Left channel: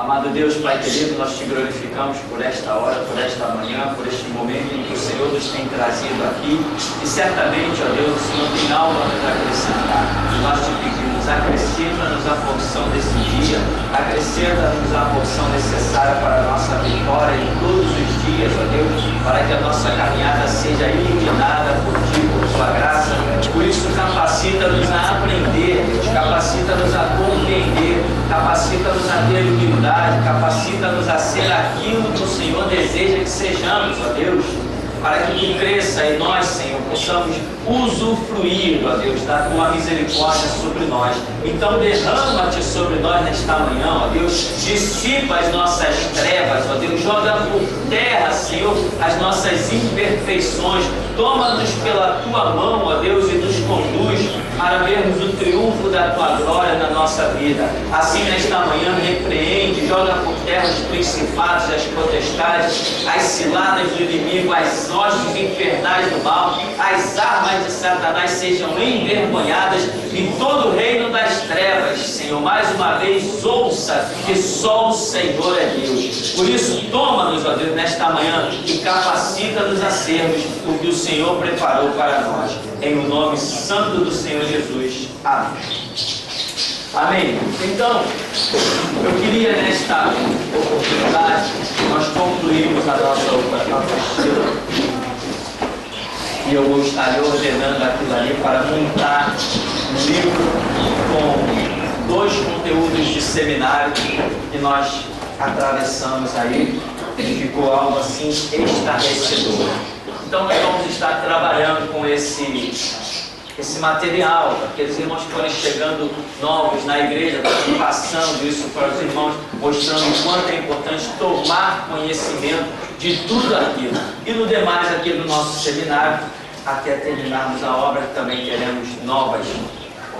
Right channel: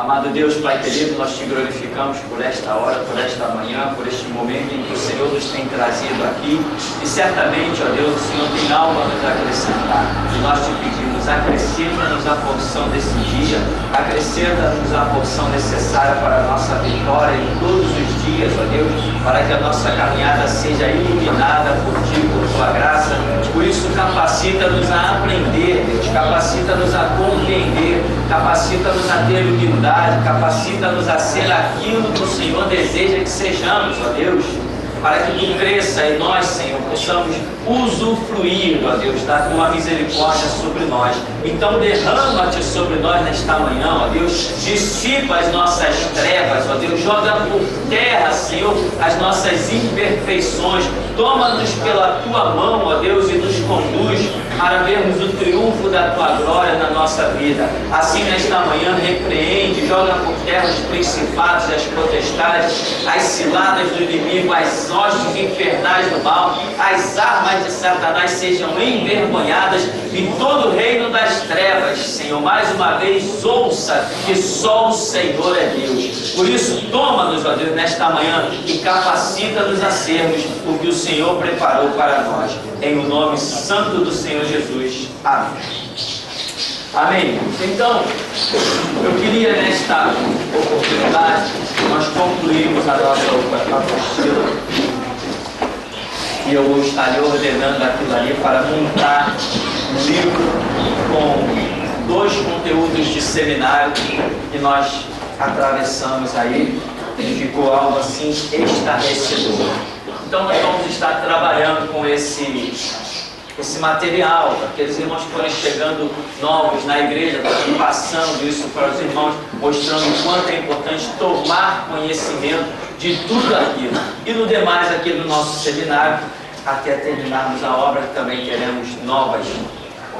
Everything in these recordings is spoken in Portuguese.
Amado Deus, Pai querido, nós te glorificamos por esta hora, por esta manhã, por este momento em que o Senhor nos tem trazido aqui. E certamente, ó Deus, o Senhor tem algo a nos acrescentar. E nós te pedimos, acrescenta-nos a porção desse dia, acrescenta-nos a porção necessária para a nossa vitória em todos os dias, ó Deus, para que a nossa caminhada seja iluminada por Ti, por Tua graça. Por isso, capacita-nos a aprender, Deus, capacita-nos a compreender, capacita-nos a ter humildade, capacita-nos a ser aquilo que o Senhor deseja que sejamos, ó Deus, para que Tu cresça e nós, Senhor, possamos usufruir, ó Deus, da Tua misericórdia sobre nós. Então derrama-te sobre nós nesta manhã, ó Deus, dissipa as nossas trevas, ó Deus, joga por terra, Senhor, as nossas imperfeições, toma-nos pela Tua mão, ó Deus, e nos conduz para vermos o triunfo da Tua glória na nossa vida. Assim, nesta manhã, repreende, joga por terra os principados e as potestades, as ciladas do inimigo, as hostes infernais do mal, as armas de Satanás sejam envergonhadas e todo o reino das trevas, Senhor, mais uma vez ouça que só o Senhor é Deus. Por isso, toma-nos, ó Deus, nesta manhã e capacita-nos a sermos o que o Senhor preparou para nós. Em o nome santo do Senhor Jesus. Amém. Amém. Então, eu queria nesta oportunidade, nós concluímos a nossa apostila e eu vou estar lhe ordenando aquilo ali para montar um livro com 2 conteúdos de seminário que nós atravessamos aí e ficou algo assim estarrecedor. Então nós vamos estar trabalhando com esse material, aqueles irmãos que forem chegando novos na igreja, passando isso para os irmãos, mostrando o quanto é importante tomar conhecimento de tudo aquilo. E no demais aqui do nosso seminário, até terminarmos a obra, que também teremos novas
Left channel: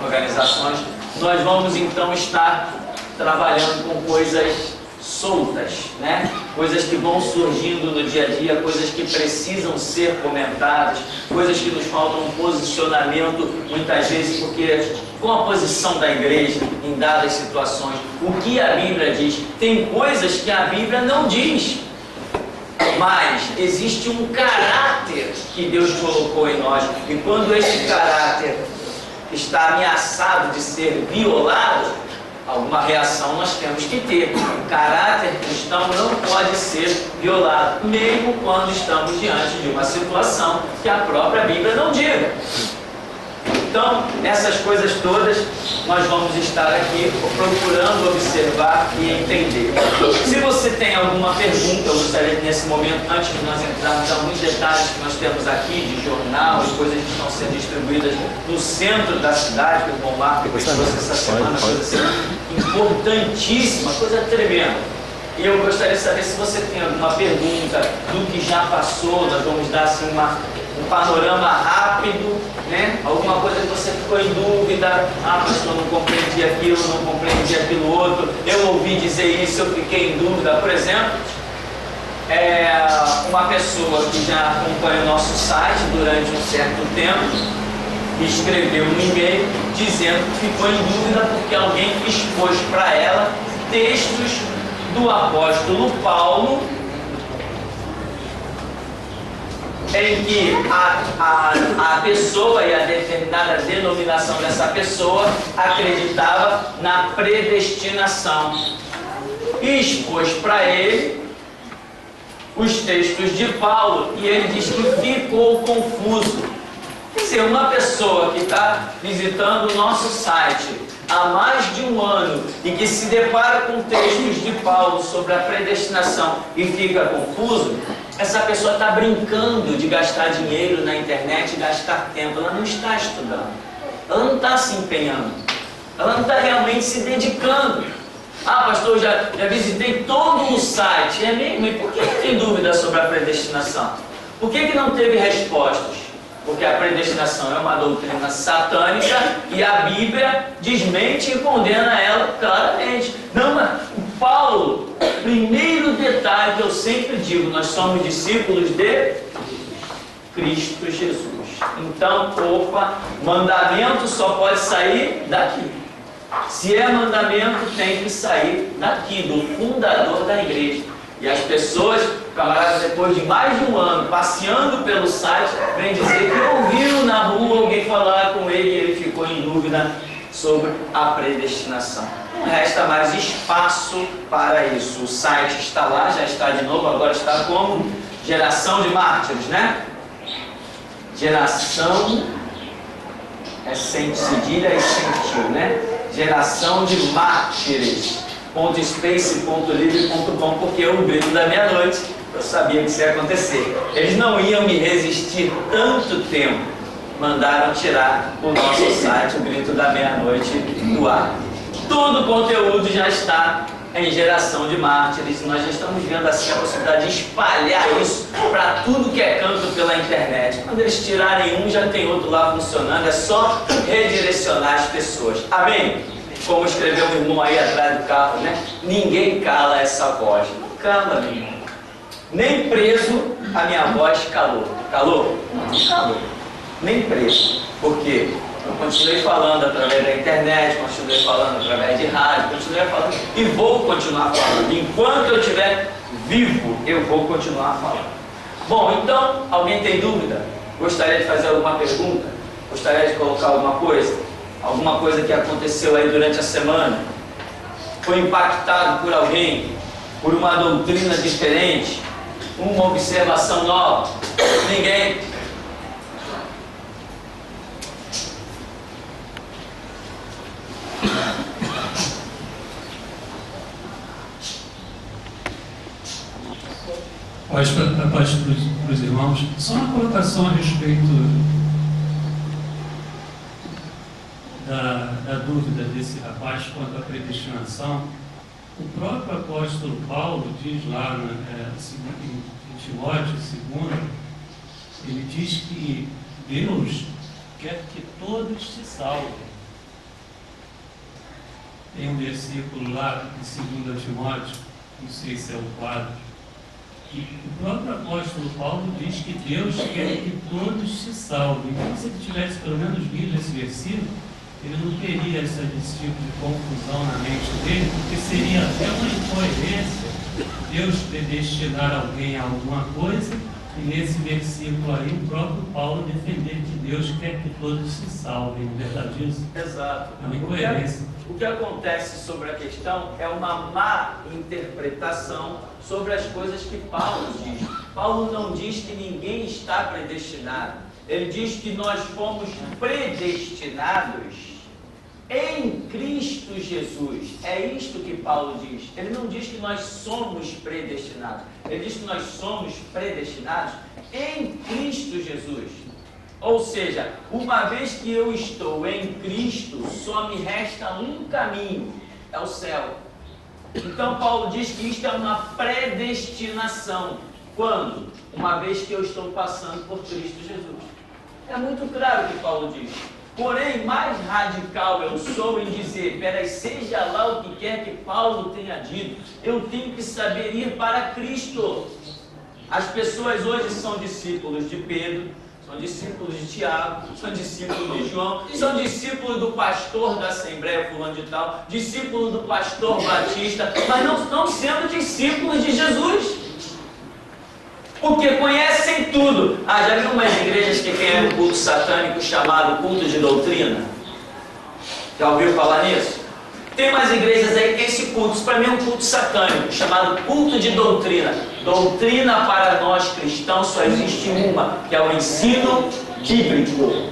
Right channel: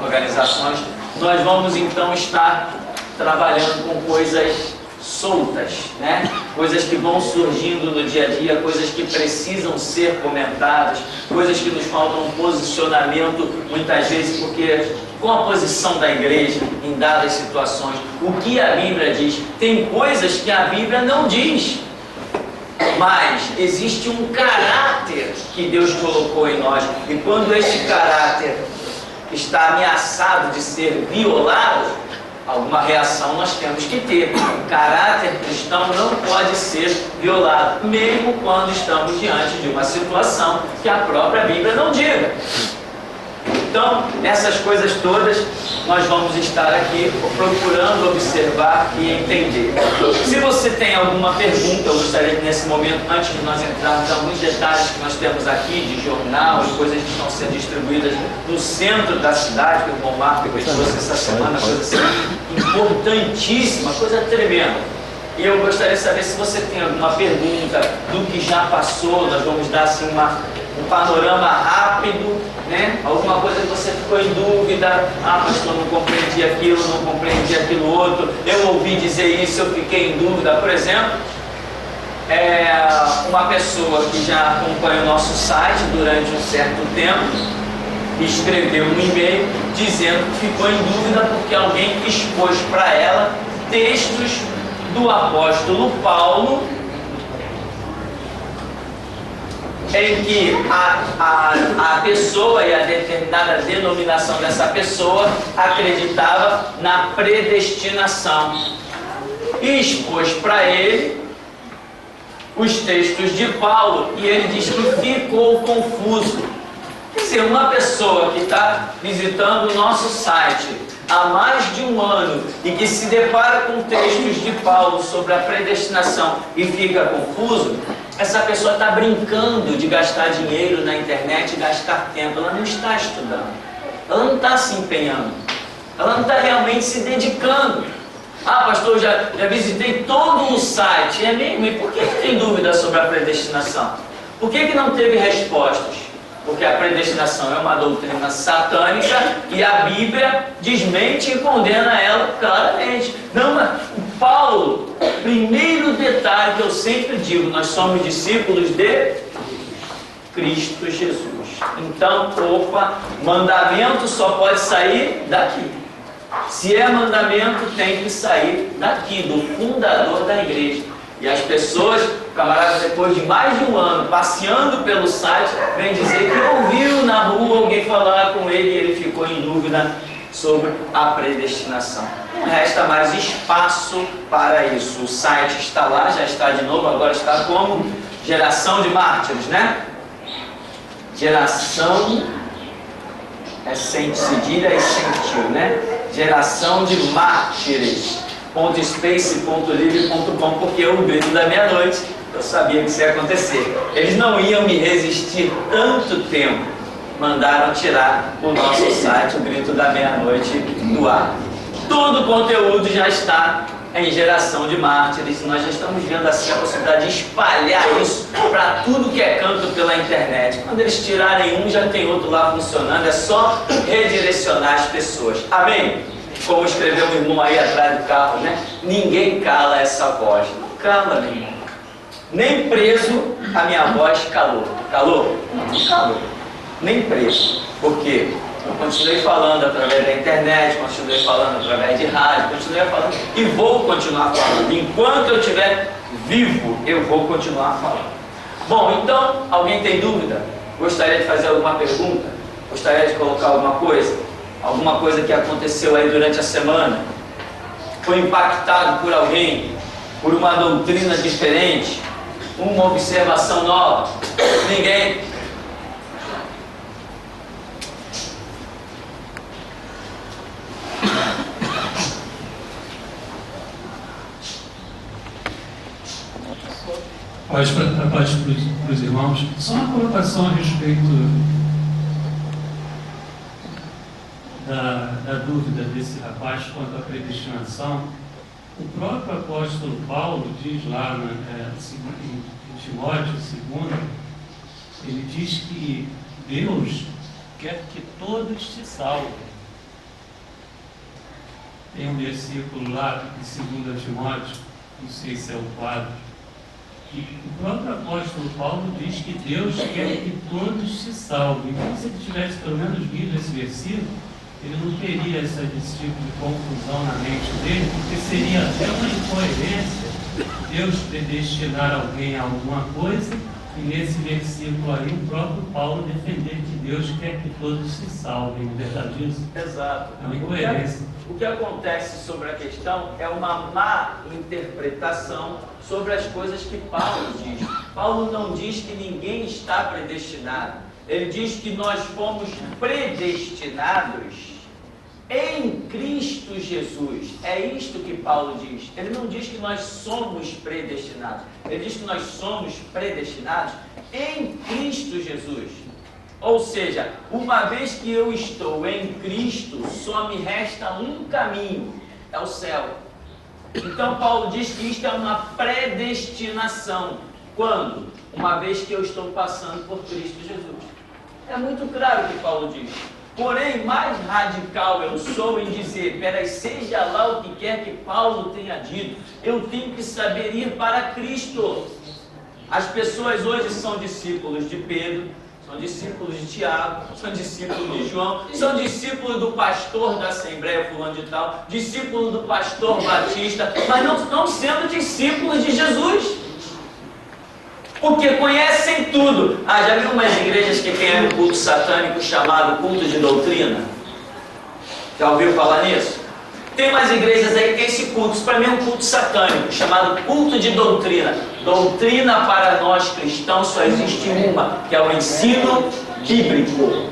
organizações, nós vamos então estar trabalhando com coisas soltas, né? Coisas que vão surgindo no dia a dia, coisas que precisam ser comentadas, coisas que nos faltam um posicionamento, muitas vezes, porque com a posição da igreja em dadas situações, o que a Bíblia diz, tem coisas que a Bíblia não diz, mas existe um caráter que Deus colocou em nós, e quando esse caráter está ameaçado de ser violado, alguma reação nós temos que ter. O caráter cristão não pode ser violado, mesmo quando estamos diante de uma situação que a própria Bíblia não diga. Então, nessas coisas todas, nós vamos estar aqui procurando observar e entender. Se você tem alguma pergunta, eu gostaria que nesse momento, antes de nós entrarmos em alguns detalhes que nós temos aqui, de jornal, de coisas que estão sendo distribuídas no centro da cidade, que o irmão Marco trouxe essa semana, coisa assim, importantíssima, coisa tremenda. E eu gostaria de saber se você tem alguma pergunta do que já passou. Nós vamos dar assim um panorama rápido, né? Alguma coisa que você ficou em dúvida, pastor, não compreendi aquilo, não compreendi aquilo outro, eu ouvi dizer isso, eu fiquei em dúvida. Por exemplo, uma pessoa que já acompanha o nosso site durante um certo tempo escreveu um e-mail dizendo que ficou em dúvida porque alguém expôs para ela textos do apóstolo Paulo em que a pessoa e a determinada denominação dessa pessoa acreditava na predestinação, e expôs para ele os textos de Paulo, e ele diz que ficou confuso. Quer dizer, uma pessoa que está visitando o nosso site há mais de um ano e que se depara com textos de Paulo sobre a predestinação e fica confuso, essa pessoa está brincando de gastar dinheiro na internet e gastar tempo. Ela não está estudando, ela não está se empenhando, ela não está realmente se dedicando. Pastor, já visitei todo o site. É mesmo? E por que tem dúvida sobre a predestinação? Por que não teve respostas? Porque a predestinação é uma doutrina satânica e a Bíblia desmente e condena ela claramente. Não, mas Paulo, primeiro detalhe que eu sempre digo, nós somos discípulos de Cristo Jesus. Então, mandamento só pode sair daqui. Se é mandamento, tem que sair daqui, do fundador da igreja. E as pessoas, o camarada, depois de mais de um ano passeando pelo site, vem dizer que ouviu na rua alguém falar com ele e ele ficou em dúvida sobre a predestinação. Não resta mais espaço para isso. O site está lá, já está de novo, agora está como Geração de Mártires, né? Geração é sem cedilha e sem tio, né? Geração de Mártires. .space.livre.com, porque o grito da meia-noite, eu sabia que isso ia acontecer. Eles não iam me resistir tanto tempo. Mandaram tirar o nosso site, o grito da meia-noite, do ar. Todo o conteúdo já está em Geração de Mártires. Nós já estamos vendo assim a possibilidade de espalhar isso para tudo que é canto pela internet. Quando eles tirarem um, já tem outro lá funcionando. É só redirecionar as pessoas. Amém? Como escreveu um irmão aí atrás do carro, né? Ninguém cala essa voz. Não cala, meu irmão. Nem preso a minha voz calou. Calou? Não calou. Nem preso. Por quê? Eu continuei falando através da internet, continuei falando através de rádio, continuei falando e vou continuar falando. Enquanto eu estiver vivo, eu vou continuar falando. Bom, então, alguém tem dúvida? Gostaria de fazer alguma pergunta? Gostaria de colocar alguma coisa? Alguma coisa que aconteceu aí durante a semana? Foi impactado por alguém? Por uma doutrina diferente? Uma observação nova? Ninguém? Paz para os irmãos. Só uma colocação a respeito da dúvida desse rapaz quanto à predestinação. O próprio apóstolo Paulo diz lá em Timóteo 2, ele diz que Deus quer que todos se salvem. Tem um versículo lá em 2 Timóteo, não sei se é o 4, e o próprio apóstolo Paulo diz que Deus quer que todos se salvem. Então, se ele tivesse pelo menos lido esse versículo, ele não teria esse tipo de confusão na mente dele, porque seria até uma incoerência Deus predestinar alguém a alguma coisa e nesse versículo aí o próprio Paulo defender que Deus quer que todos se salvem. Não é verdade isso? Exato. É uma incoerência. O que acontece sobre a questão é uma má interpretação sobre as coisas que Paulo diz. Paulo não diz que ninguém está predestinado. Ele diz que nós fomos predestinados em Cristo Jesus. É isto que Paulo diz. Ele não diz que nós somos predestinados. Ele diz que nós somos predestinados em Cristo Jesus. Ou seja, uma vez que eu estou em Cristo, só me resta um caminho, é o céu. Então Paulo diz que isto é uma predestinação. Quando? Uma vez que eu estou passando por Cristo Jesus. É muito claro o que Paulo diz. Porém, mais radical eu sou em dizer, peraí, seja lá o que quer que Paulo tenha dito, eu tenho que saber ir para Cristo. As pessoas hoje são discípulos de Pedro, são discípulos de Tiago, são discípulos de João, são discípulos do pastor da Assembleia fulano de tal, discípulos do pastor Batista, mas não estão sendo discípulos de Jesus. Porque conhecem tudo. Já viu umas igrejas que tem um culto satânico chamado culto de doutrina? Já ouviu falar nisso? Tem umas igrejas aí que tem esse culto, isso para mim é um culto satânico, chamado culto de doutrina. Doutrina para nós cristãos só existe uma, que é o ensino bíblico.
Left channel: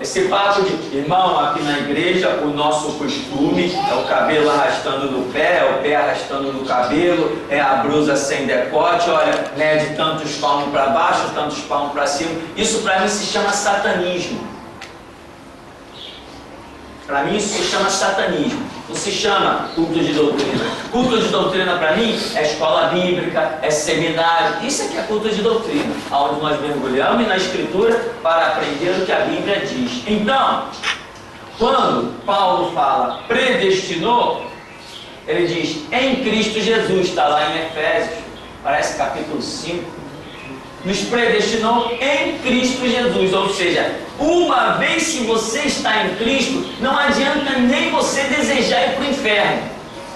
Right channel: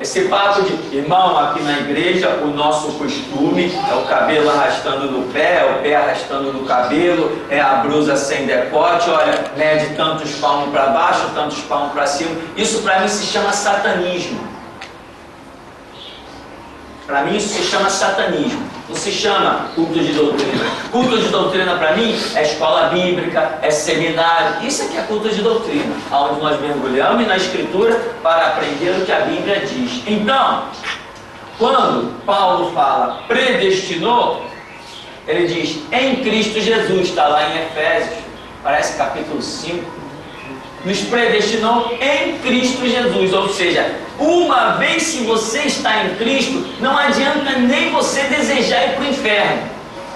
Esse papo de, irmão, aqui na igreja o nosso costume é o cabelo arrastando no pé, é o pé arrastando no cabelo, é a blusa sem decote, olha, mede tantos palmos para baixo, tantos palmos para cima. Isso para mim se chama satanismo. Para mim isso se chama satanismo, não se chama culto de doutrina. Culto de doutrina para mim é escola bíblica, é seminário, isso aqui é culto de doutrina, onde nós mergulhamos na escritura para aprender o que a Bíblia diz. Então, quando Paulo fala predestinou, ele diz em Cristo Jesus, está lá em Efésios, parece capítulo 5, nos predestinou em Cristo Jesus. Ou seja, uma vez que você está em Cristo, não adianta nem você desejar ir para o inferno.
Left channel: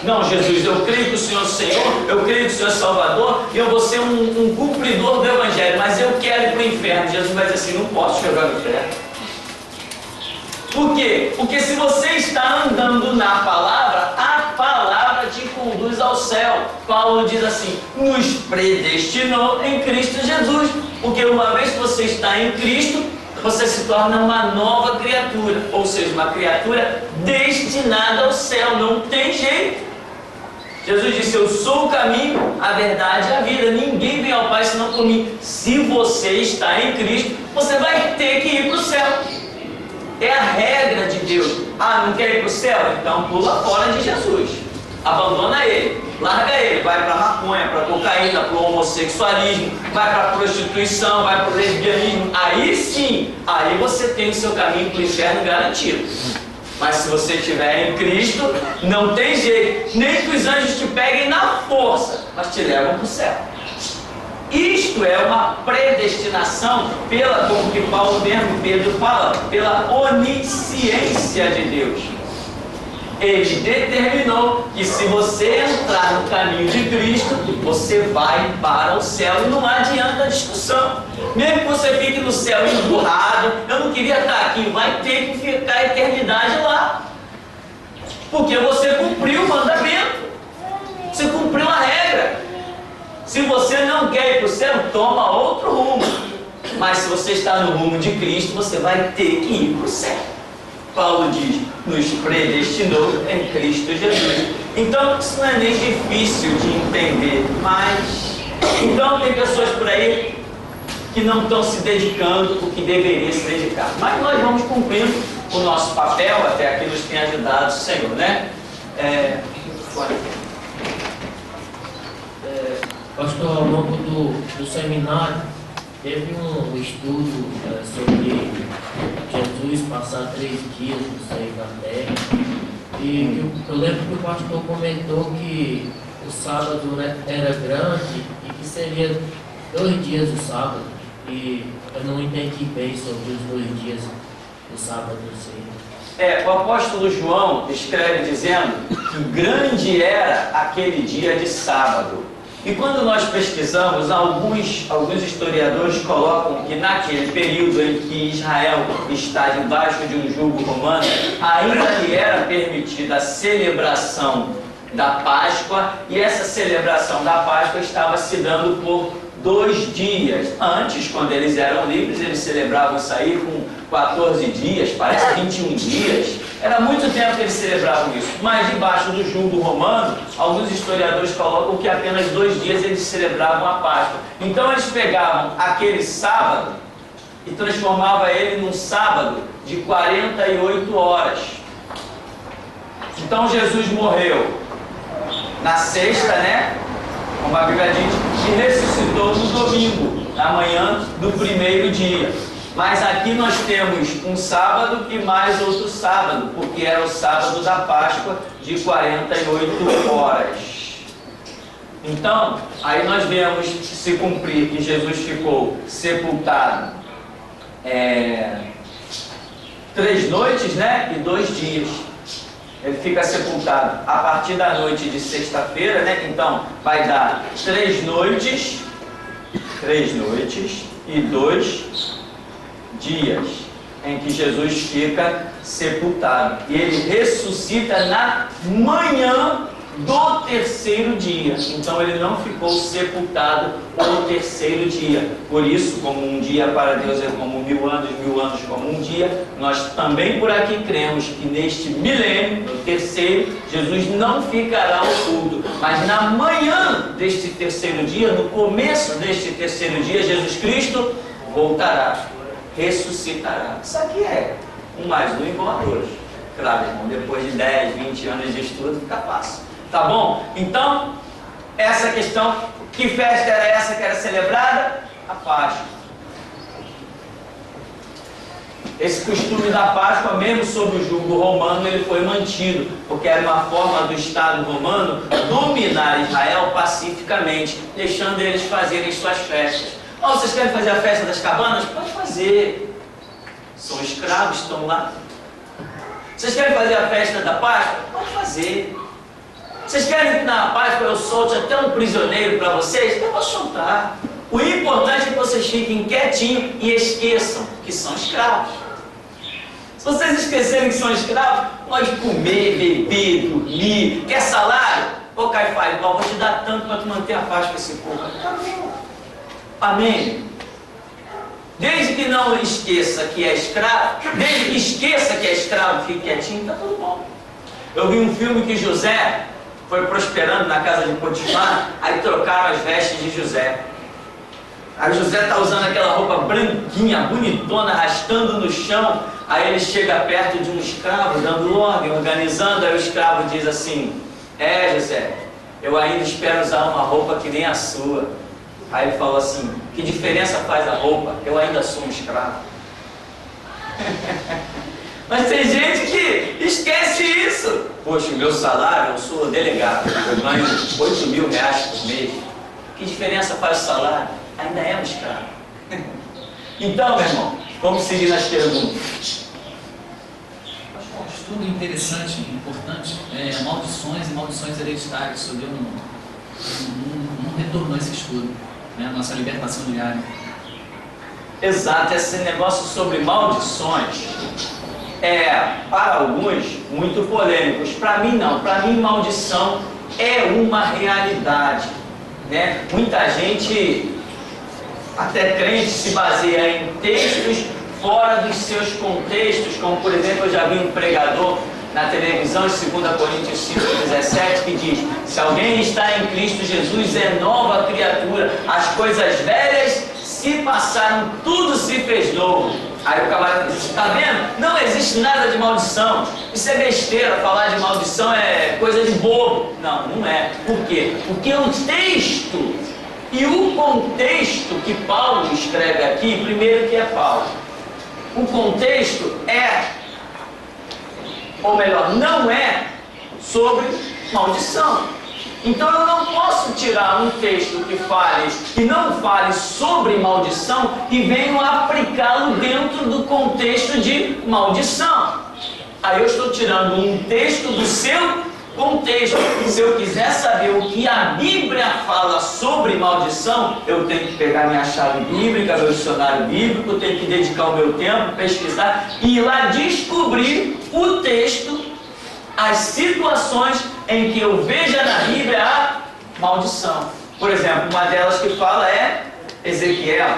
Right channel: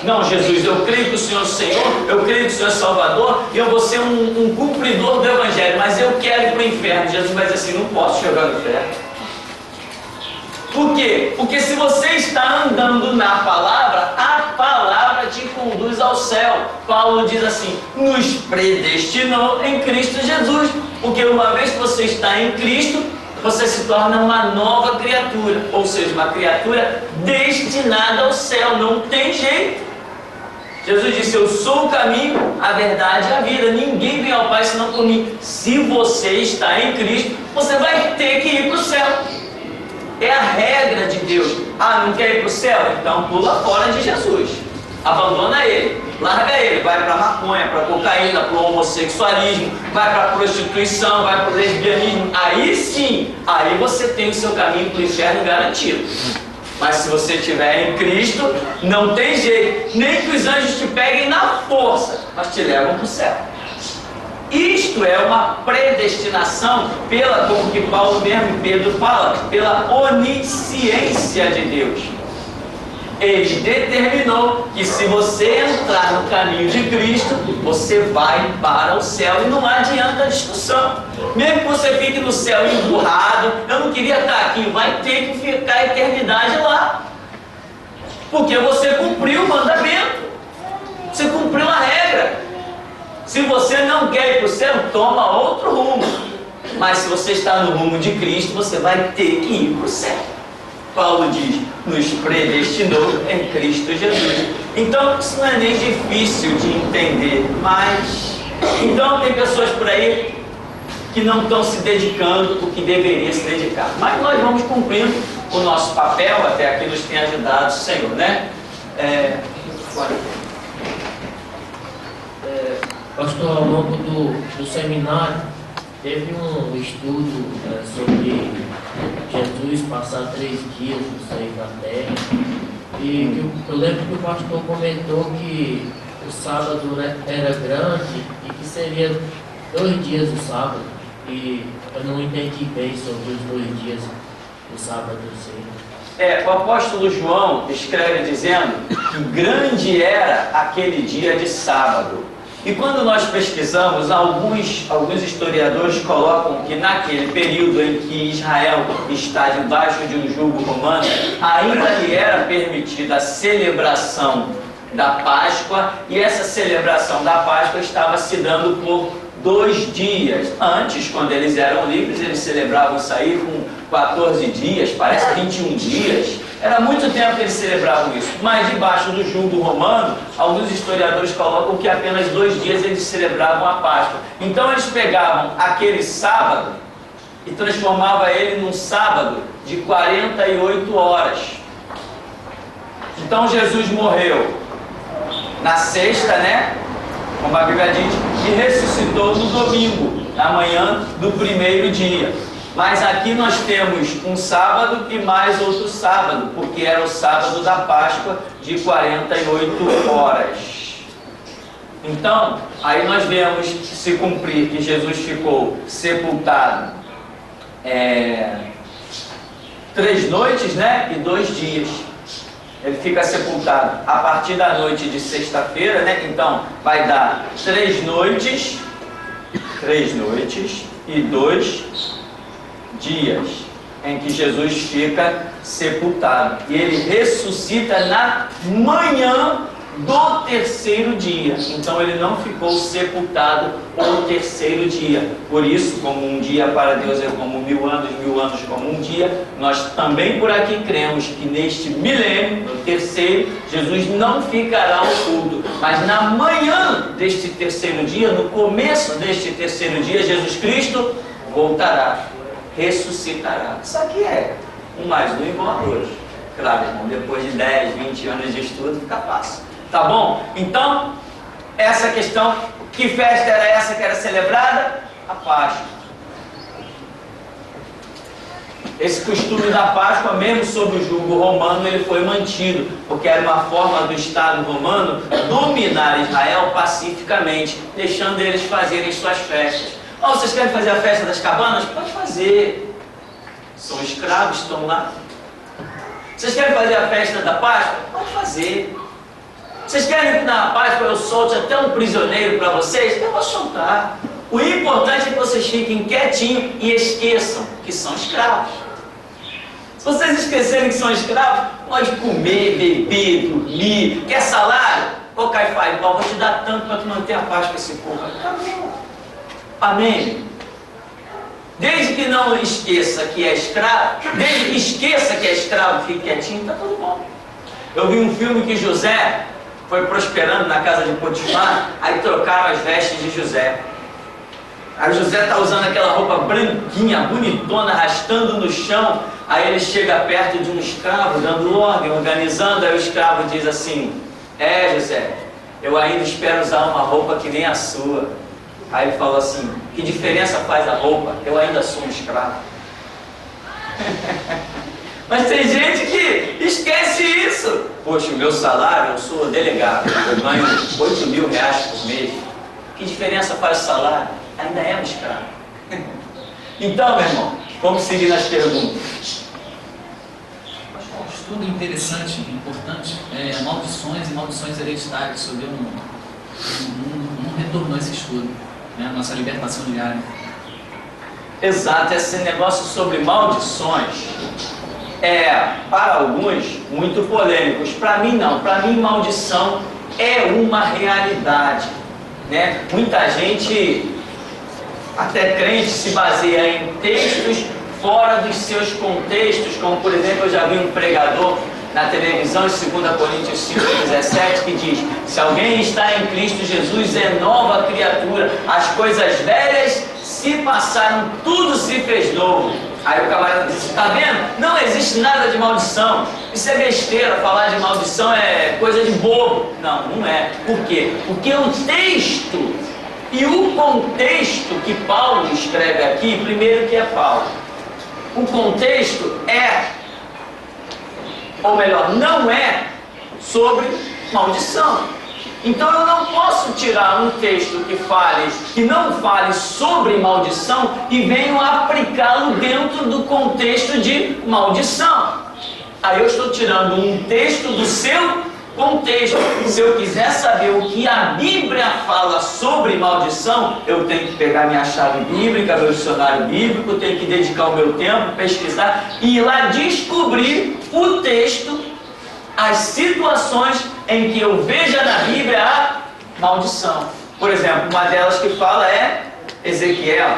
Não, Jesus, eu creio que o Senhor é o Senhor, eu creio que o Senhor é Salvador, e eu vou ser um cumpridor do Evangelho, mas eu quero ir para o inferno. Jesus vai dizer assim, não posso chegar no inferno. Por quê? Porque se você está andando na palavra, a palavra te conduz ao céu. Paulo diz assim, nos predestinou em Cristo Jesus. Porque uma vez que você está em Cristo, você se torna uma nova criatura. Ou seja, uma criatura destinada ao céu. Não tem jeito. Jesus disse, eu sou o caminho, a verdade e a vida. Ninguém vem ao Pai senão por mim. Se você está em Cristo, você vai ter que ir para o céu. É a regra de Deus. Ah, não quer ir para o céu? Então pula fora de Jesus. Abandona ele, larga ele, vai para a maconha, para a cocaína, para o homossexualismo, vai para a prostituição, vai para o lesbianismo. Aí sim, aí você tem o seu caminho para o inferno garantido. Mas se você estiver em Cristo, não tem jeito. Nem que os anjos te peguem na força, mas te levam para o céu. Isto é uma predestinação pela, como que Paulo mesmo, Pedro fala, pela onisciência de Deus. Ele determinou que se você entrar no caminho de Cristo, você vai para o céu e não adianta a discussão. Mesmo que você fique no céu emburrado, eu não queria estar aqui, vai ter que ficar a eternidade lá. Porque você cumpriu o mandamento, você cumpriu a regra. Se você não quer ir para o céu, toma outro rumo. Mas se você está no rumo de Cristo, você vai ter que ir para o céu. Paulo diz, nos predestinou em Cristo Jesus. Então, isso não é nem difícil de entender. Mas, então tem pessoas por aí que não estão se dedicando o que deveria se dedicar. Mas nós vamos cumprindo o nosso papel, até aqui nos tem ajudado o Senhor, né? Pastor, ao longo do seminário, teve um estudo sobre Jesus passar 3 dias no seio da terra. E eu lembro que o pastor comentou que o sábado era grande e que seria 2 dias o sábado. E eu não entendi bem sobre os 2 dias do sábado do seio. O apóstolo João escreve dizendo que grande era aquele dia de sábado. E quando nós pesquisamos, alguns historiadores colocam que naquele período em que Israel está debaixo de um jugo romano, ainda lhe era permitida a celebração da Páscoa, e essa celebração da Páscoa estava se dando por 2 dias. Antes, quando eles eram livres, eles celebravam isso aí com 14 dias, parece 21 dias. Era muito tempo que eles celebravam isso. Mas debaixo do jugo romano, alguns historiadores colocam que apenas 2 dias eles celebravam a Páscoa. Então eles pegavam aquele sábado e transformavam ele num sábado de 48 horas. Então Jesus morreu na sexta, né? Como a Bíblia diz, e ressuscitou no domingo, na manhã do primeiro dia. Mas aqui nós temos um sábado e mais outro sábado, porque era o sábado da Páscoa de 48 horas. Então, aí nós vemos se cumprir que Jesus ficou sepultado 3 noites, né? E 2 dias. Ele fica sepultado a partir da noite de sexta-feira, né? Então, vai dar 3 noites e 2 dias em que Jesus fica sepultado. E ele ressuscita na manhã do 3º dia. Então ele não ficou sepultado o 3º dia. Por isso, como um dia para Deus é como 1000 anos, 1000 anos como um dia, nós também por aqui cremos que neste milênio, no 3º, Jesus não ficará oculto. Mas na manhã deste 3º dia, no começo deste 3º dia, Jesus Cristo voltará, ressuscitará. Isso aqui é 1 mais 1 igual a 2. Claro, irmão, depois de 10, 20 anos de estudo, fica fácil. Tá bom? Então, essa questão, que festa era essa que era celebrada? A Páscoa. Esse costume da Páscoa, mesmo sob o jugo romano, ele foi mantido, porque era uma forma do Estado romano dominar Israel pacificamente, deixando eles fazerem suas festas. Oh, vocês querem fazer a festa das cabanas? Pode fazer. São escravos, estão lá. Vocês querem fazer a festa da Páscoa? Pode fazer. Vocês querem que na Páscoa eu solte até um prisioneiro para vocês? Eu vou soltar. O importante é que vocês fiquem quietinhos e esqueçam que são escravos. Se vocês esquecerem que são escravos, pode comer, beber, dormir. Quer salário? Ô Caifás, vou te dar tanto para tu manter a paz com esse povo. Acabou. Amém? Desde que não esqueça que é escravo, desde que esqueça que é escravo, fique quietinho, está tudo bom. Eu vi um filme que José foi prosperando na casa de Potifar, aí trocaram as vestes de José. Aí José está usando aquela roupa branquinha, bonitona, arrastando no chão. Aí ele chega perto de um escravo, dando ordem, organizando. Aí o escravo diz assim: José, eu ainda espero usar uma roupa que nem a sua. Aí ele falou assim: que diferença faz a roupa? Eu ainda sou um escravo. Mas tem gente que esquece isso. Poxa, o meu salário, eu sou delegado, eu ganho 8 mil reais por mês. Que diferença faz o salário? Ainda é um escravo. Então, meu irmão, vamos seguir nas perguntas. Um estudo interessante e importante é maldições e maldições hereditárias. O senhor não retornou esse estudo, né? A nossa libertação diária. Exato, esse negócio sobre maldições é, para alguns, muito polêmicos. Para mim não, para mim maldição é uma realidade, né? Muita gente, até crente, se baseia em textos fora dos seus contextos, como por exemplo, eu já vi um pregador na televisão, em 2 Coríntios 5,17, que diz: se alguém está em Cristo Jesus, é nova criatura, as coisas velhas se passaram, tudo se fez novo. Aí o camarada diz: está vendo? Não existe nada de maldição. Isso é besteira, falar de maldição é coisa de bobo. Não, não é. Por quê? Porque o texto e o contexto que Paulo escreve aqui, primeiro que é Paulo, o contexto é, ou melhor, não é sobre maldição. Então eu não posso tirar um texto que não fale sobre maldição e venho aplicá-lo dentro do contexto de maldição. Aí eu estou tirando um texto do seu contexto. Se eu quiser saber o que a Bíblia fala sobre maldição, eu tenho que pegar minha chave bíblica, meu dicionário bíblico, tenho que dedicar o meu tempo, pesquisar e ir lá descobrir o texto, as situações em que eu veja na Bíblia a maldição. Por exemplo, uma delas que fala é Ezequiel.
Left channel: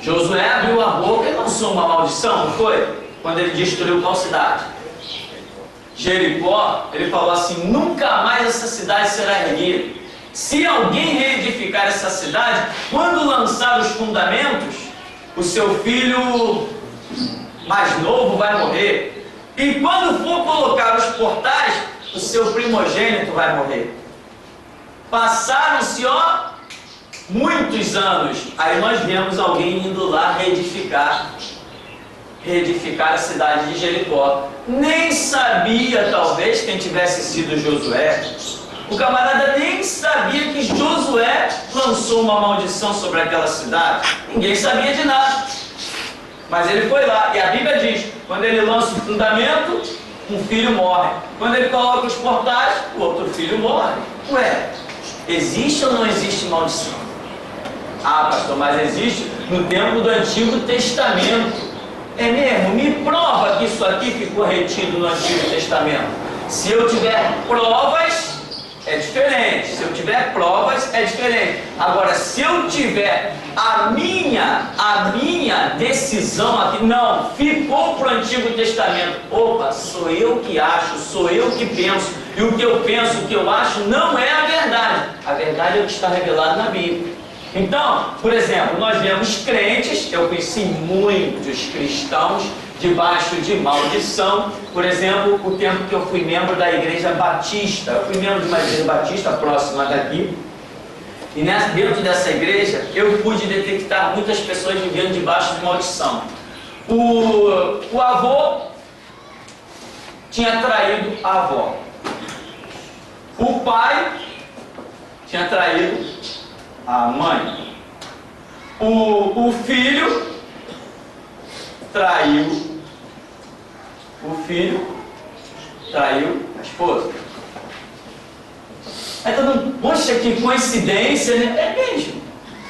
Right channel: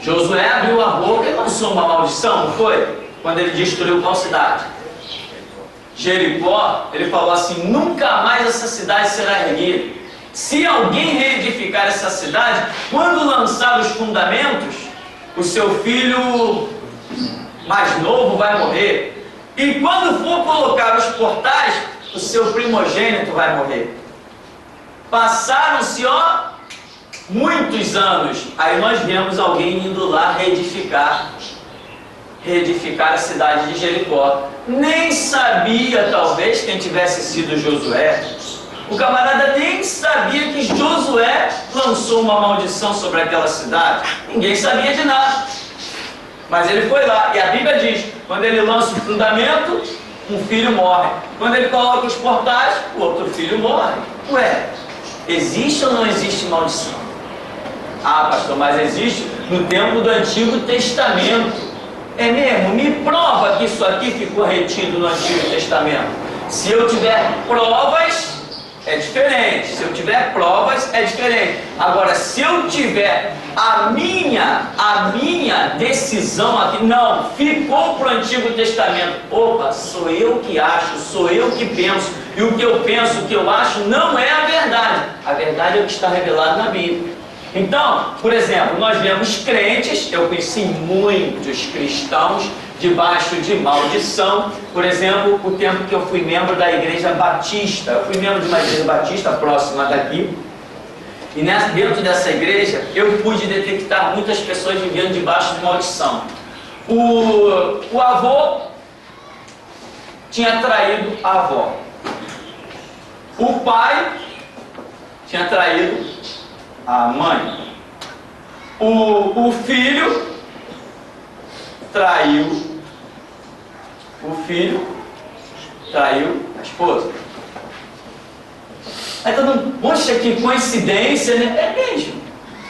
Josué abriu a boca e lançou uma maldição, não foi? Quando ele destruiu qual cidade? Jericó. Ele falou assim: nunca mais essa cidade será erguida. Se alguém reedificar essa cidade, quando lançar os fundamentos, o seu filho mais novo vai morrer. E quando for colocar os portais, o seu primogênito vai morrer. Passaram-se, muitos anos. Aí nós vemos alguém indo lá reedificar a cidade de Jericó. Nem sabia, talvez, quem tivesse sido Josué. O camarada nem sabia que Josué lançou uma maldição sobre aquela cidade. Ninguém sabia de nada. Mas ele foi lá, e a Bíblia diz: quando ele lança o fundamento, um filho morre. Quando ele coloca os portais, o outro filho morre. Ué, existe ou não existe maldição? Ah, pastor, mas existe no tempo do Antigo Testamento. É mesmo? Me prova que isso aqui ficou retido no Antigo Testamento. Se eu tiver provas, é diferente. Se eu tiver provas, é diferente. Agora, se eu tiver a minha decisão aqui, não, ficou para o Antigo Testamento. Opa, sou eu que acho, sou eu que penso. E o que eu penso, o que eu acho, não é a verdade. A verdade é o que está revelado na Bíblia. Então, por exemplo, nós vemos crentes, eu conheci muitos cristãos debaixo de maldição. Por exemplo, o tempo que eu fui membro da Igreja Batista, eu fui membro de uma igreja batista próxima daqui, e dentro dessa igreja eu pude detectar muitas pessoas vivendo debaixo de maldição. O avô tinha traído a avó, o pai tinha traído a mãe, o filho traiu. O filho traiu a esposa. Aí todo mundo, poxa, que coincidência, né? É mesmo,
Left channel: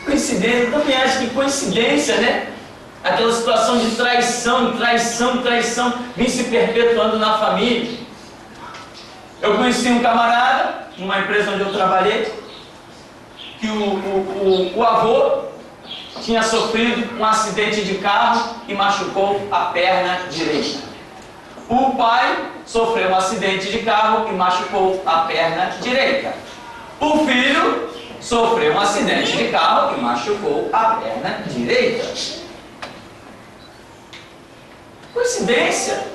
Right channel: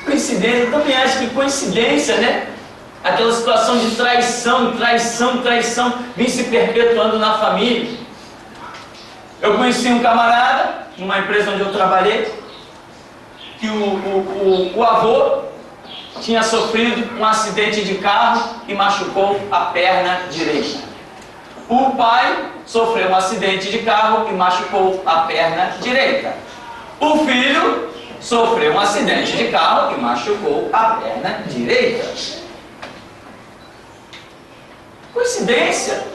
coincidência. Eu também acho que coincidência, né? Aquela situação de traição, vem se perpetuando na família. Eu conheci um camarada, numa empresa onde eu trabalhei, que o avô tinha sofrido um acidente de carro e machucou a perna direita. O pai sofreu um acidente de carro e machucou a perna direita. O filho sofreu um acidente de carro e machucou a perna direita. Coincidência?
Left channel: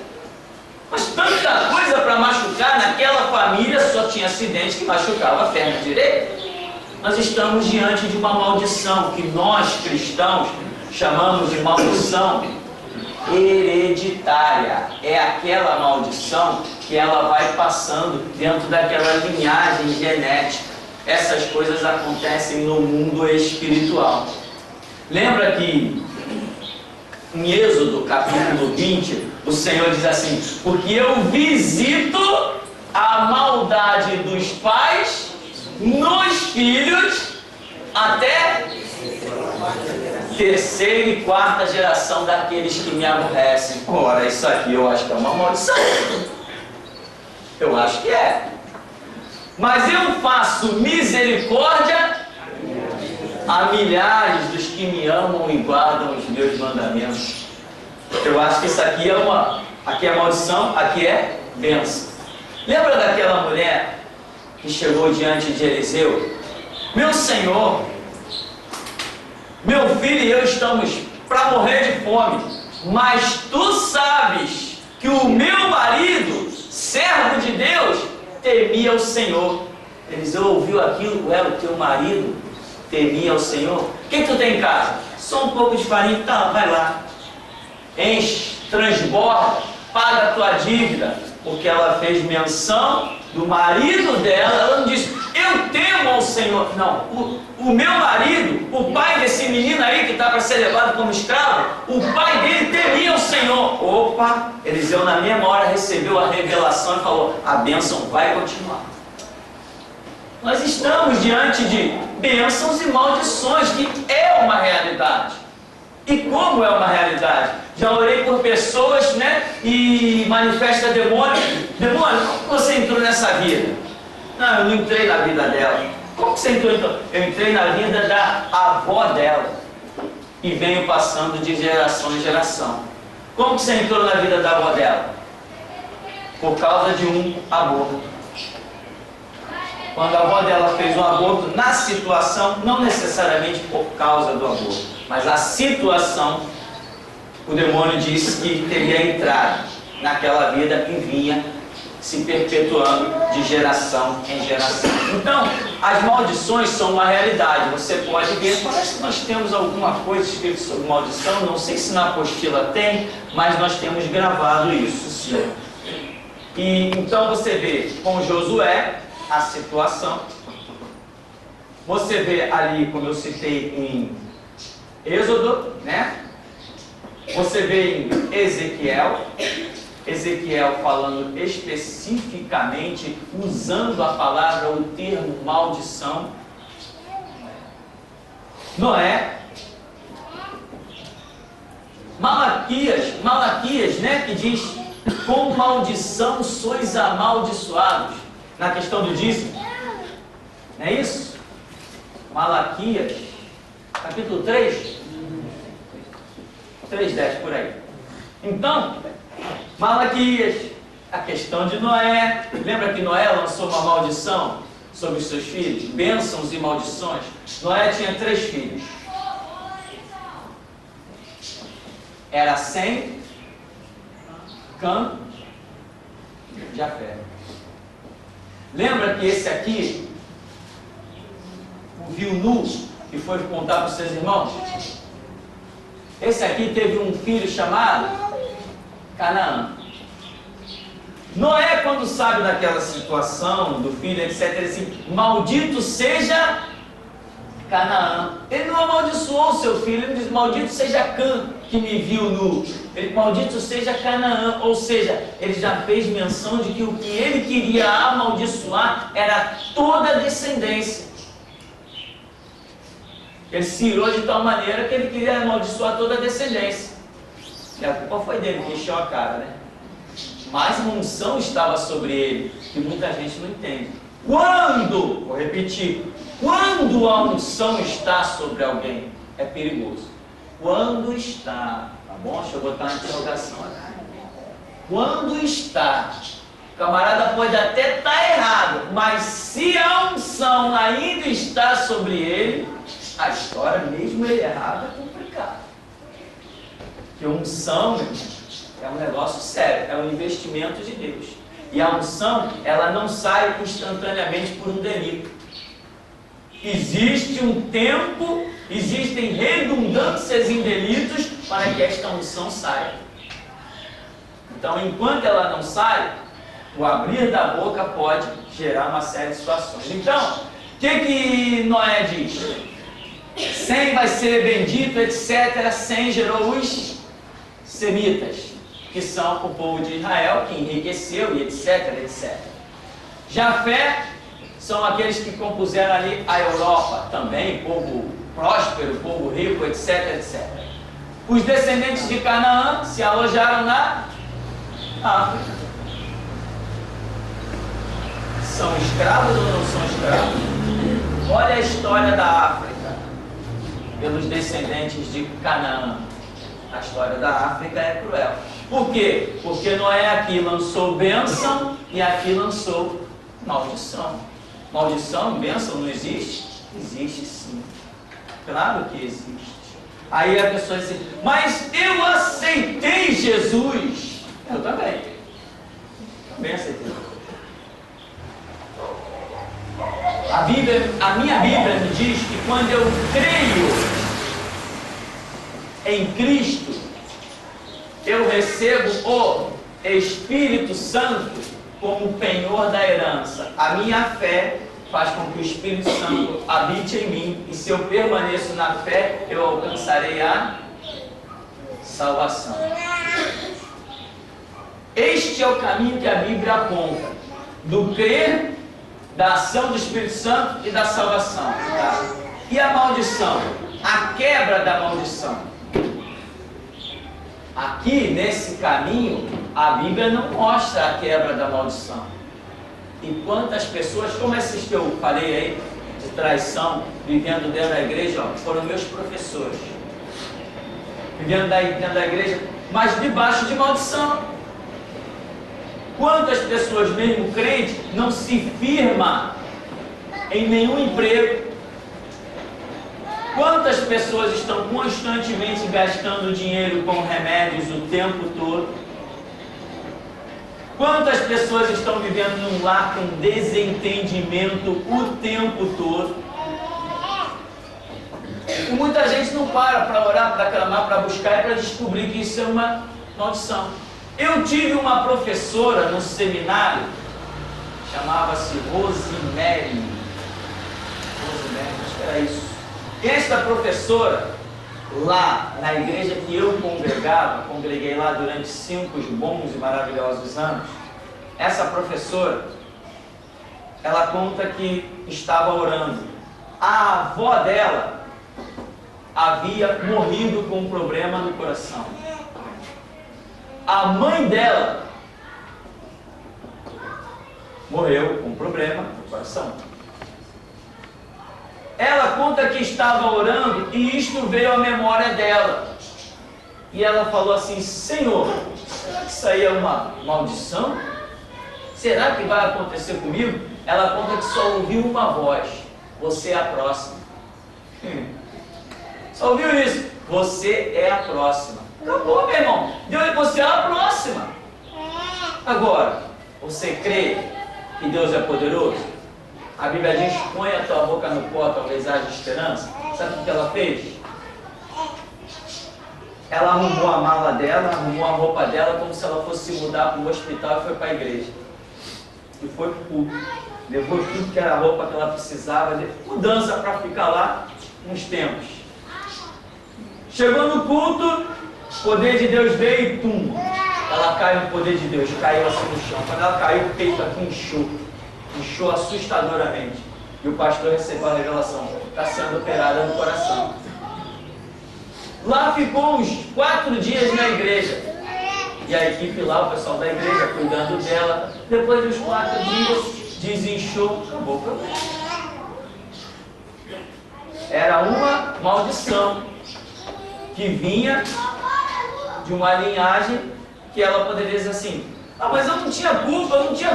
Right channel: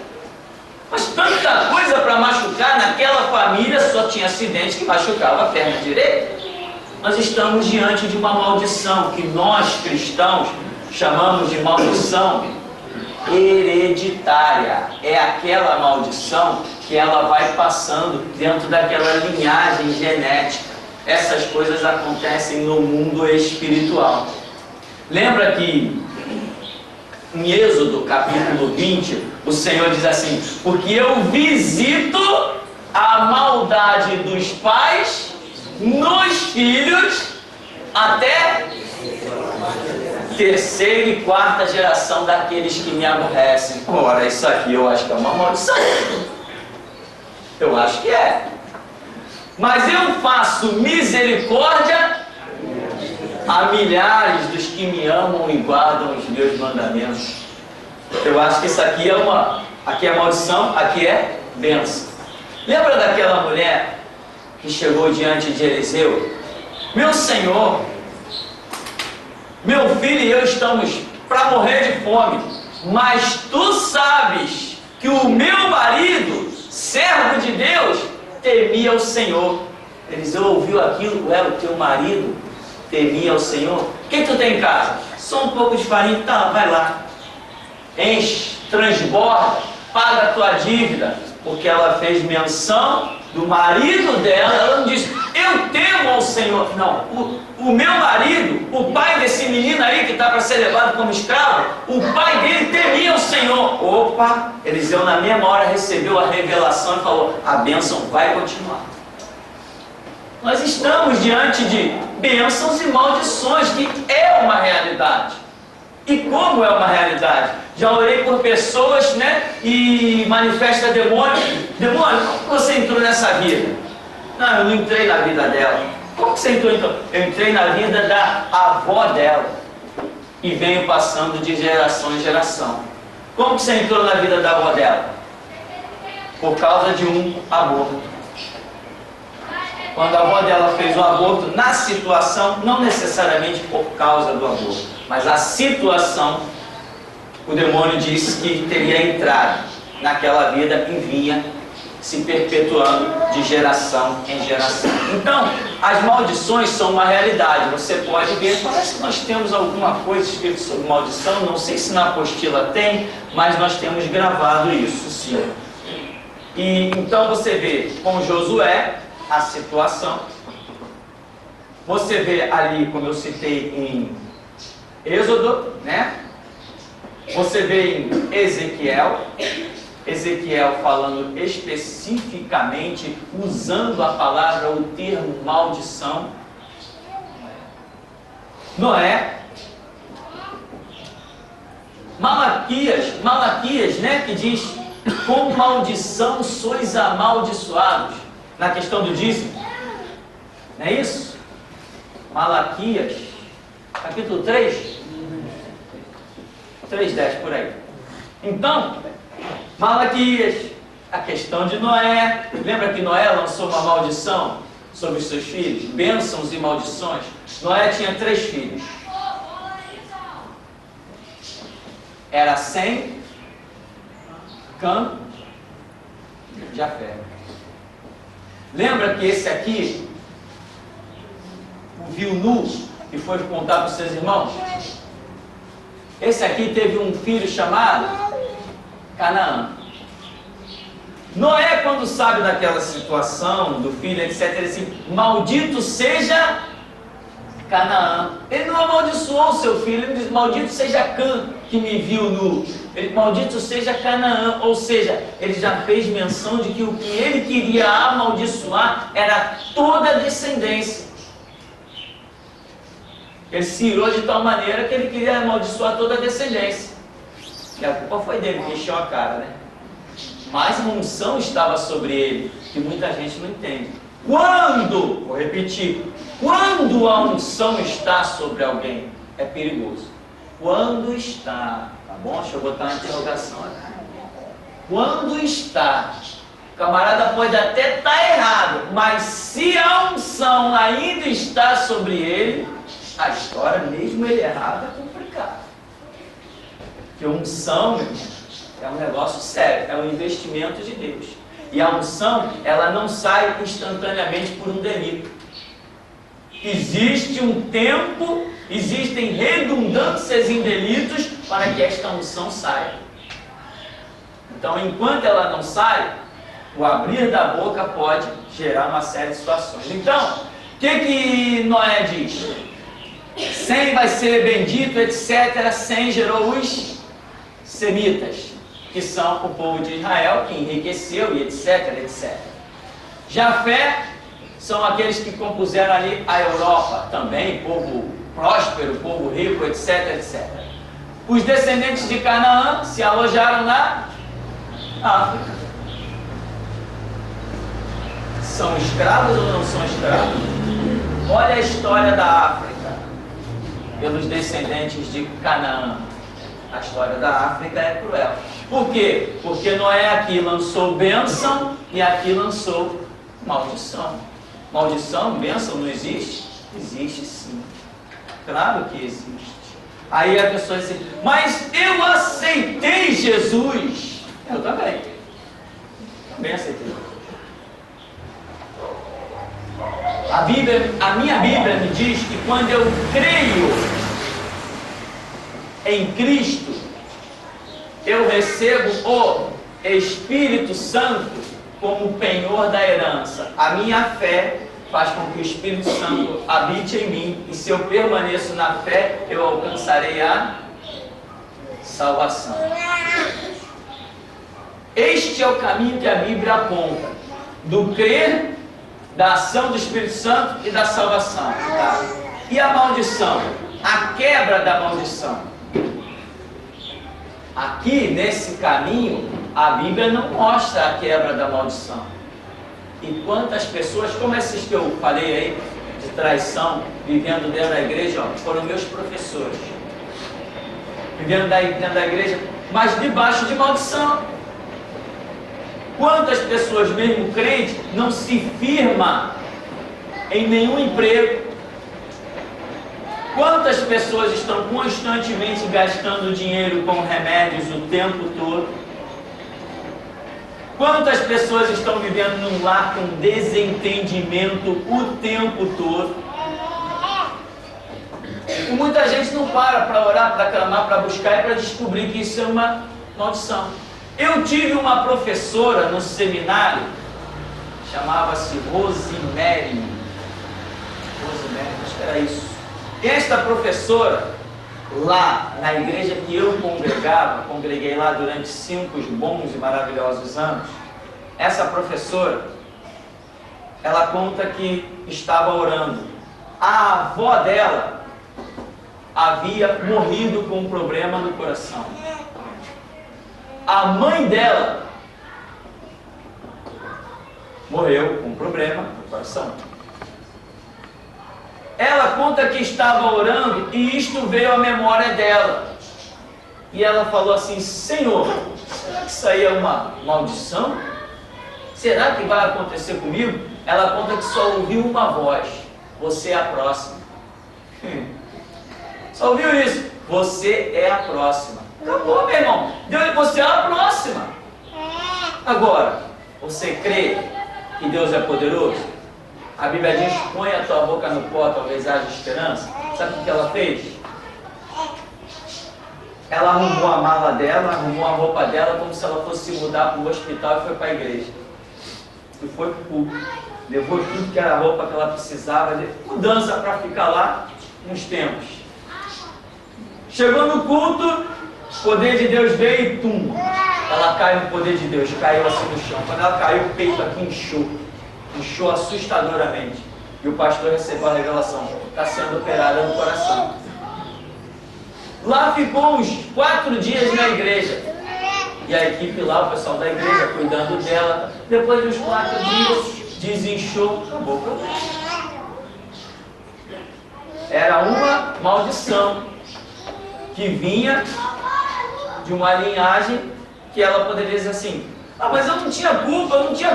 Mas tanta coisa para machucar naquela família, só tinha acidente que machucava a perna direita. Nós estamos diante de uma maldição que nós cristãos chamamos de maldição hereditária. É aquela maldição que ela vai passando dentro daquela linhagem genética. Essas coisas acontecem no mundo espiritual. Lembra que em Êxodo capítulo 20, o Senhor diz assim: porque eu visito a maldade dos pais nos filhos até terceira e quarta geração daqueles que me aborrecem. Ora, isso aqui eu acho que é uma maldição. Eu acho que é. Mas eu faço misericórdia a milhares dos que me amam e guardam os meus mandamentos. Eu acho que isso aqui aqui é maldição, aqui é bênção. Lembra daquela mulher que chegou diante de Eliseu? Meu senhor, meu filho e eu estamos para morrer de fome, mas tu sabes que o meu marido, servo de Deus, temia o Senhor. Eliseu ouviu aquilo: o teu marido temia o Senhor? O que tu tem em casa? Só um pouco de farinha. Tá, vai lá, enche, transborda, paga a tua dívida. Porque ela fez menção do marido dela. Ela não disse: eu temo ao Senhor. Não, o meu marido, o pai desse menino aí que está para ser levado como escravo, o pai dele temia o Senhor. Opa, Eliseu na mesma hora recebeu a revelação e falou: a bênção vai continuar. Nós estamos diante de bênçãos e maldições, que é uma realidade. E como é uma realidade? Já orei por pessoas, né? E manifesta demônio. Demônio, como você entrou nessa vida? Não, eu não entrei na vida dela. Como você entrou então? Eu entrei na vida da avó dela. E venho passando de geração em geração. Como você entrou na vida da avó dela? Por causa de um aborto. Quando a avó dela fez um aborto, na situação, não necessariamente por causa do aborto, mas a situação, o demônio disse que teria entrado naquela vida e vinha se perpetuando de geração em geração. Então, as maldições são uma realidade. Você pode ver, parece que nós temos alguma coisa escrita sobre maldição, não sei se na apostila tem, mas nós temos gravado isso, sim. E então você vê com Josué a situação. Você vê ali, como eu citei em Êxodo, né? Você vê em Ezequiel falando especificamente, usando a palavra, o termo maldição. Noé. Malaquias, né? Que diz: com maldição sois amaldiçoados. Na questão do dízimo, não é isso? Malaquias, capítulo 3, 3:10, por aí. Então, Malaquias, a questão de Noé. Lembra que Noé lançou uma maldição sobre os seus filhos? Bênçãos e maldições. Noé tinha 3 filhos. Era Sem, Cã e Jafé. Lembra que esse aqui, o viu nu e foi contar para os seus irmãos? Esse aqui teve um filho chamado Canaã. Noé, quando sabe daquela situação do filho, etc., ele diz assim: maldito seja Canaã. Ele não amaldiçoou o seu filho, ele diz: maldito seja Cã, que me viu nu. Ele, maldito seja Canaã, ou seja, ele já fez menção de que o que ele queria amaldiçoar era toda a descendência. Ele se irou de tal maneira que ele queria amaldiçoar toda a descendência. E a culpa foi dele, que encheu a cara, né? Mas uma unção estava sobre ele, que muita gente não entende. Quando, vou repetir, quando a unção está sobre alguém, é perigoso. Quando está, tá bom? Deixa eu botar uma interrogação aqui. Quando está, o camarada pode até estar errado, mas se a unção ainda está sobre ele, a história, mesmo ele errado, é complicada. Porque unção, meu irmão, é um negócio sério, é um investimento de Deus. E a unção, ela não sai instantaneamente por um delito. Existe um tempo, existem redundâncias em delitos para que esta unção saia. Então, enquanto ela não sai, o abrir da boca pode gerar uma série de situações. Então, o que Noé diz? Sem vai ser bendito, etc. Sem gerou os semitas, que são o povo de Israel, que enriqueceu e etc, etc. Jafé são aqueles que compuseram ali a Europa, também, povo próspero, povo rico, etc, etc. Os descendentes de Canaã se alojaram na África. São escravos ou não são escravos? Olha a história da África, pelos descendentes de Canaã. A história da África é cruel. Por quê? Porque Noé aqui lançou bênção e aqui lançou maldição. Maldição, bênção não existe? Existe sim. Claro que existe. Aí a pessoa diz: mas eu aceitei Jesus. Eu também. Também aceitei Jesus. A minha Bíblia me diz que quando eu creio em Cristo, eu recebo o Espírito Santo como penhor da herança. A minha fé faz com que o Espírito Santo habite em mim, e se eu permaneço na fé, eu alcançarei a salvação. Este é o caminho que a Bíblia aponta, do crer, da ação do Espírito Santo e da salvação. Tá? E a maldição? A quebra da maldição. Aqui, nesse caminho, a Bíblia não mostra a quebra da maldição. E quantas pessoas, como esses que eu falei aí, de traição, vivendo dentro da igreja, ó, foram meus professores. Vivendo dentro da igreja, mas debaixo de maldição. Quantas pessoas, mesmo crentes, não se firmam em nenhum emprego? Quantas pessoas estão constantemente gastando dinheiro com remédios o tempo todo? Quantas pessoas estão vivendo num lar com desentendimento o tempo todo? E muita gente não para orar, para clamar, para buscar e para descobrir que isso é uma maldição. Eu tive uma professora no seminário, chamava-se Rosemary. Rosemary, acho que era isso. Esta professora, lá na igreja que eu congreguei lá durante 5 bons e maravilhosos anos, essa professora, ela conta que estava orando. A avó dela havia morrido com um problema no coração. A mãe dela morreu com um problema no coração. Ela conta que estava orando e isto veio à memória dela. E ela falou assim: Senhor, será que isso aí é uma maldição? Será que vai acontecer comigo? Ela conta que só ouviu uma voz: você é a próxima. Só ouviu isso? Você é a próxima. Acabou, meu irmão. Você é a próxima. Agora, você crê que Deus é poderoso? A Bíblia diz: põe a tua boca no pó, talvez haja esperança. Sabe o que ela fez? Ela arrumou a mala dela, arrumou a roupa dela, como se ela fosse mudar para o hospital, e foi para a igreja. E foi para o culto. Levou tudo que era a roupa que ela precisava, mudança para ficar lá. uns tempos. Chegou no culto, o poder de Deus veio e tum, ela caiu no poder de Deus, caiu assim no chão. Quando ela caiu, o peito aqui inchou assustadoramente. E o pastor recebeu a revelação, está sendo operada no coração. Lá ficou uns 4 dias na igreja. E a equipe lá, o pessoal da igreja, cuidando dela. Depois dos 4 dias, desinchou, acabou o problema. Era uma maldição que vinha de uma linhagem que ela poderia dizer assim: ah, mas eu não tinha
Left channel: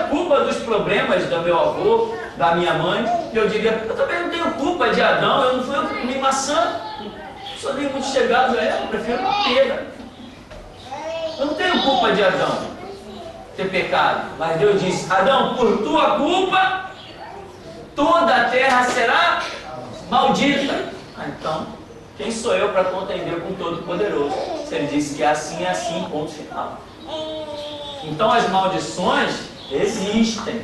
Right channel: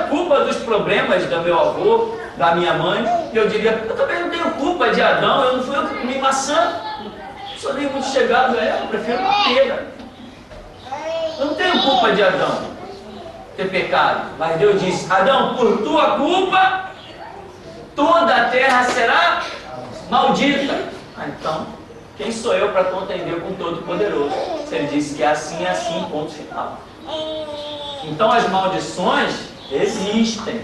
culpa dos problemas do meu avô, da minha mãe. E eu diria: eu também não tenho culpa de Adão, eu não fui eu que comi maçã, sou nem muito chegado a ela, eu prefiro uma pera. Eu não tenho culpa de Adão ter pecado, mas Deus disse: Adão, por tua culpa, toda a terra será maldita. Ah, então, quem sou eu para contender com o Todo-Poderoso? Se ele disse que é assim, ponto final. Então as maldições existem.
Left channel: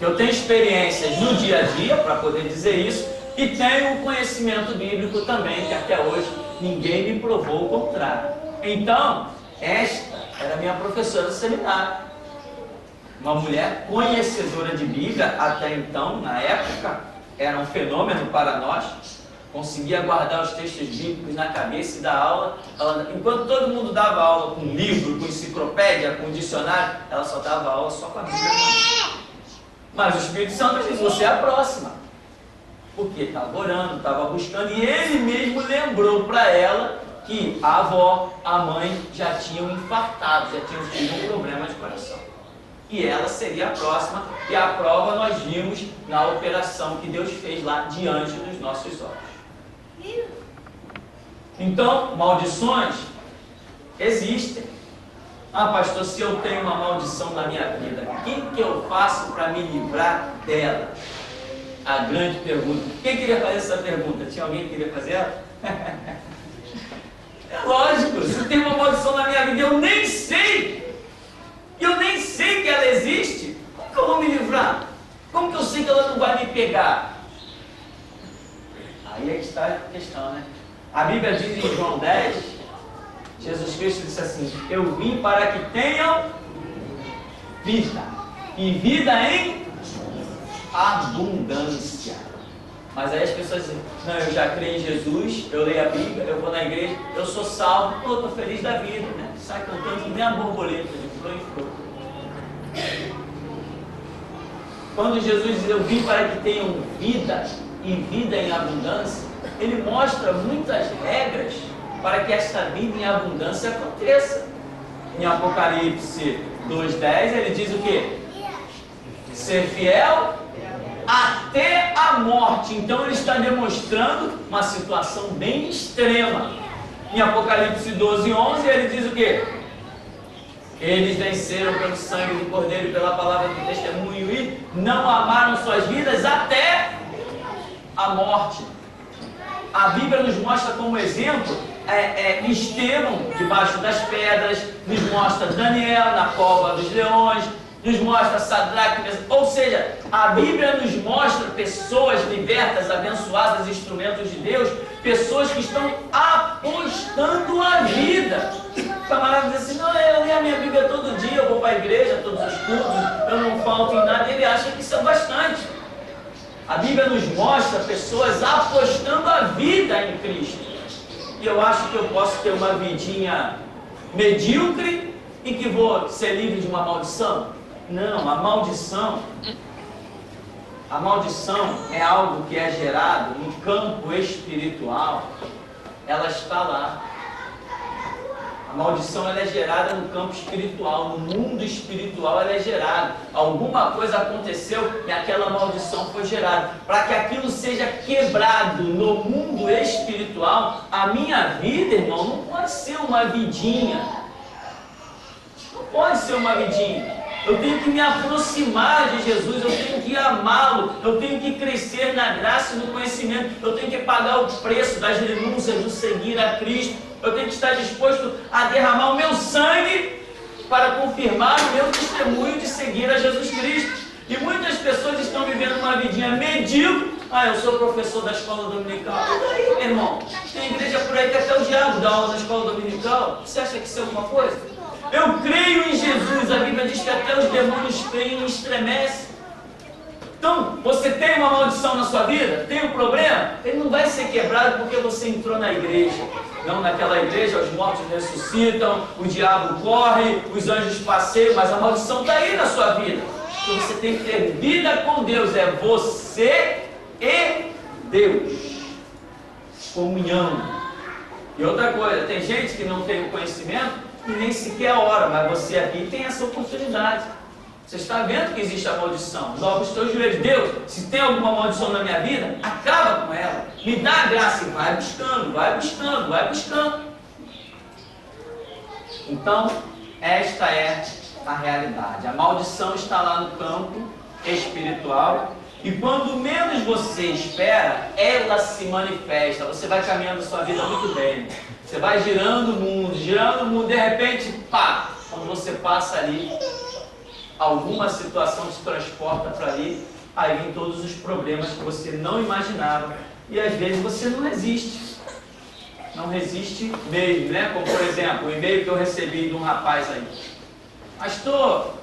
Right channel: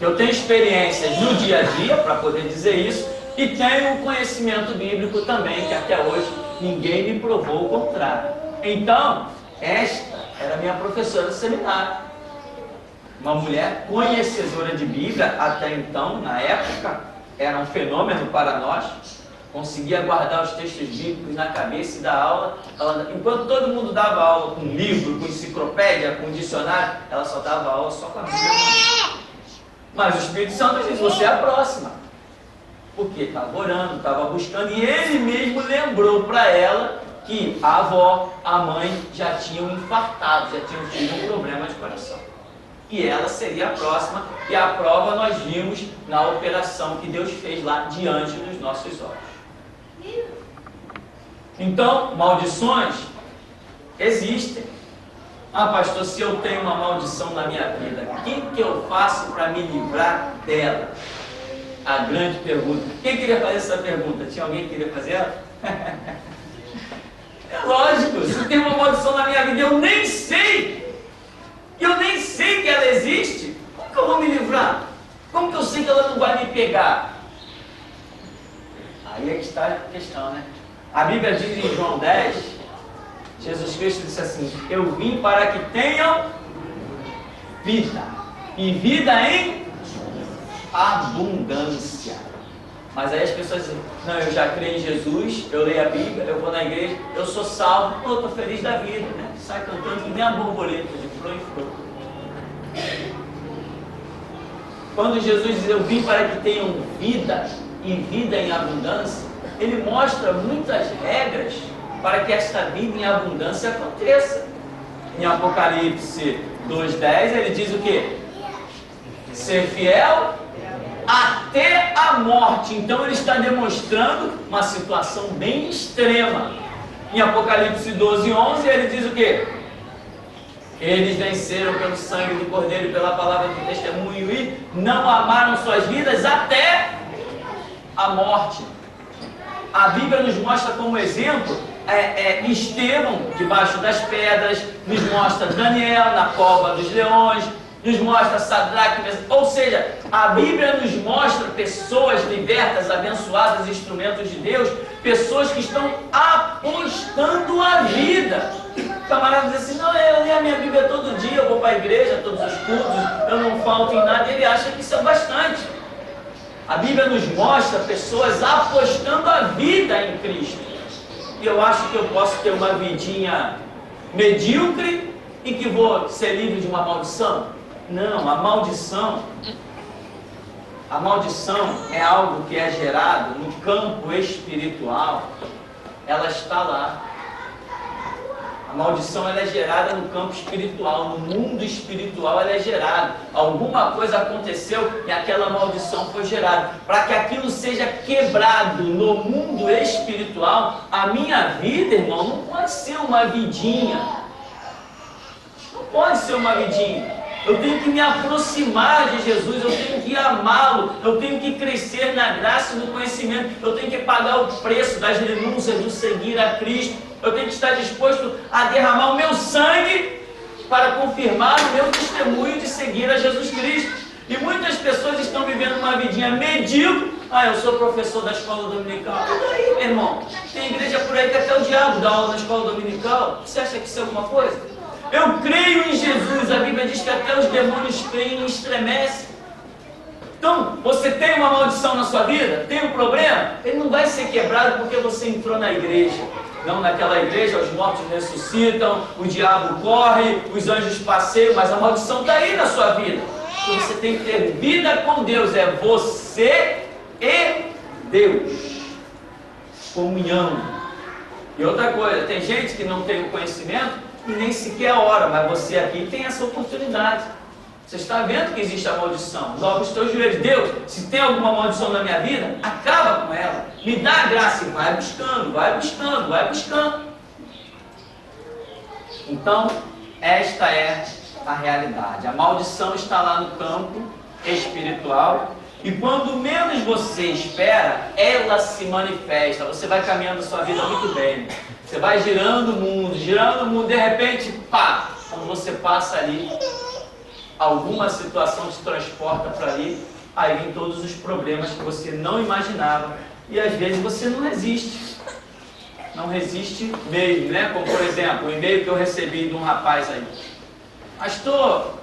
Eu tenho experiências no dia a dia para poder dizer isso, e tenho um conhecimento bíblico também, que até hoje ninguém me provou o contrário. Então, esta era minha professora do seminário. Uma mulher conhecedora de Bíblia, até então, na época, era um fenômeno para nós. Conseguia guardar os textos bíblicos na cabeça e dar aula. Enquanto todo mundo dava aula com livro, com enciclopédia, com dicionário, ela só dava aula só com a Bíblia. Mas o Espírito Santo diz: você é a próxima. Porque estava orando, estava buscando, e ele mesmo lembrou para ela que a avó, a mãe já tinham infartado, já tinham tido um problema de coração. E ela seria a próxima, e a prova nós vimos na operação que Deus fez lá diante dos nossos olhos. Então, maldições existem. Ah, pastor, se eu tenho uma maldição na minha vida, o que eu faço para me livrar dela? A grande pergunta. Quem queria fazer essa pergunta? Tinha alguém que queria fazer ela? É lógico, se tem uma maldição na minha vida, eu nem sei que ela existe, como que eu vou me livrar? Como que eu sei que ela não vai me pegar? Aí é que está a questão, né? A Bíblia diz em João 10, Jesus Cristo disse assim: eu vim para que tenham vida, e vida em abundância. Mas aí as pessoas dizem: não, eu já creio em Jesus, eu leio a Bíblia, eu vou na igreja, eu sou salvo, eu estou feliz da vida, né? Sai cantando que nem a borboleta, de flor em flor. Quando Jesus diz: eu vim para que tenham vida e vida em abundância, ele mostra muitas regras para que esta vida em abundância aconteça. Em Apocalipse 2:10 ele diz o quê? Ser fiel até a morte. Então ele está demonstrando uma situação bem extrema. Em Apocalipse 12:11 ele diz o quê? Eles venceram pelo sangue do Cordeiro e pela palavra do testemunho e não amaram suas vidas até a morte. A Bíblia nos mostra como exemplo Estevão debaixo das pedras, nos mostra Daniel na cova dos leões, nos mostra Sadraque, ou seja, a Bíblia nos mostra pessoas libertas, abençoadas, instrumentos de Deus, pessoas que estão apostando a vida. O camarada diz assim: não, eu leio a minha Bíblia todo dia, eu vou para a igreja, todos os cultos, eu não falto em nada. Ele acha que isso é bastante. A Bíblia nos mostra pessoas apostando a vida em Cristo. E eu acho que eu posso ter uma vidinha medíocre e que vou ser livre de uma maldição? Não, a maldição é algo que é gerado no campo espiritual. Ela está lá. A maldição ela é gerada no campo espiritual, no mundo espiritual ela é gerada. Alguma coisa aconteceu e aquela maldição foi gerada. Para que aquilo seja quebrado no mundo espiritual, a minha vida, irmão, não pode ser uma vidinha. Não pode ser uma vidinha. Eu tenho que me aproximar de Jesus, eu tenho que amá-lo, eu tenho que crescer na graça e no conhecimento, eu tenho que pagar o preço das renúncias do seguir a Cristo. Eu tenho que estar disposto a derramar o meu sangue para confirmar o meu testemunho de seguir a Jesus Cristo. E muitas pessoas estão vivendo uma vidinha medíocre. Ah, eu sou professor da escola dominical. E daí, meu irmão? Tem igreja por aí que até o diabo dá aula na escola dominical. Você acha que isso é alguma coisa? Eu creio em Jesus. A Bíblia diz que até os demônios creem e estremecem. Então, você tem uma maldição na sua vida? Tem um problema? Ele não vai ser quebrado porque você entrou na igreja. Não, naquela igreja os mortos ressuscitam, o diabo corre, os anjos passeiam, mas a maldição está aí na sua vida. Então você tem que ter vida com Deus, é você e Deus. Comunhão. E outra coisa, tem gente que não tem o conhecimento e nem sequer ora, mas você aqui tem essa oportunidade. Você está vendo que existe a maldição. Dobra os teus joelhos. Deus, se tem alguma maldição na minha vida, acaba com ela. Me dá a graça e vai buscando, vai buscando, vai buscando. Então, esta é a realidade. A maldição está lá no campo espiritual. E quando menos você espera, ela se manifesta. Você vai caminhando a sua vida muito bem. Você vai girando o mundo, de repente, pá! Quando você passa ali, alguma situação te transporta para ali, aí vem todos os problemas que você não imaginava. E às vezes você não resiste. Não resiste mesmo, né? Como por exemplo, o e-mail que eu recebi de um rapaz aí. Pastor,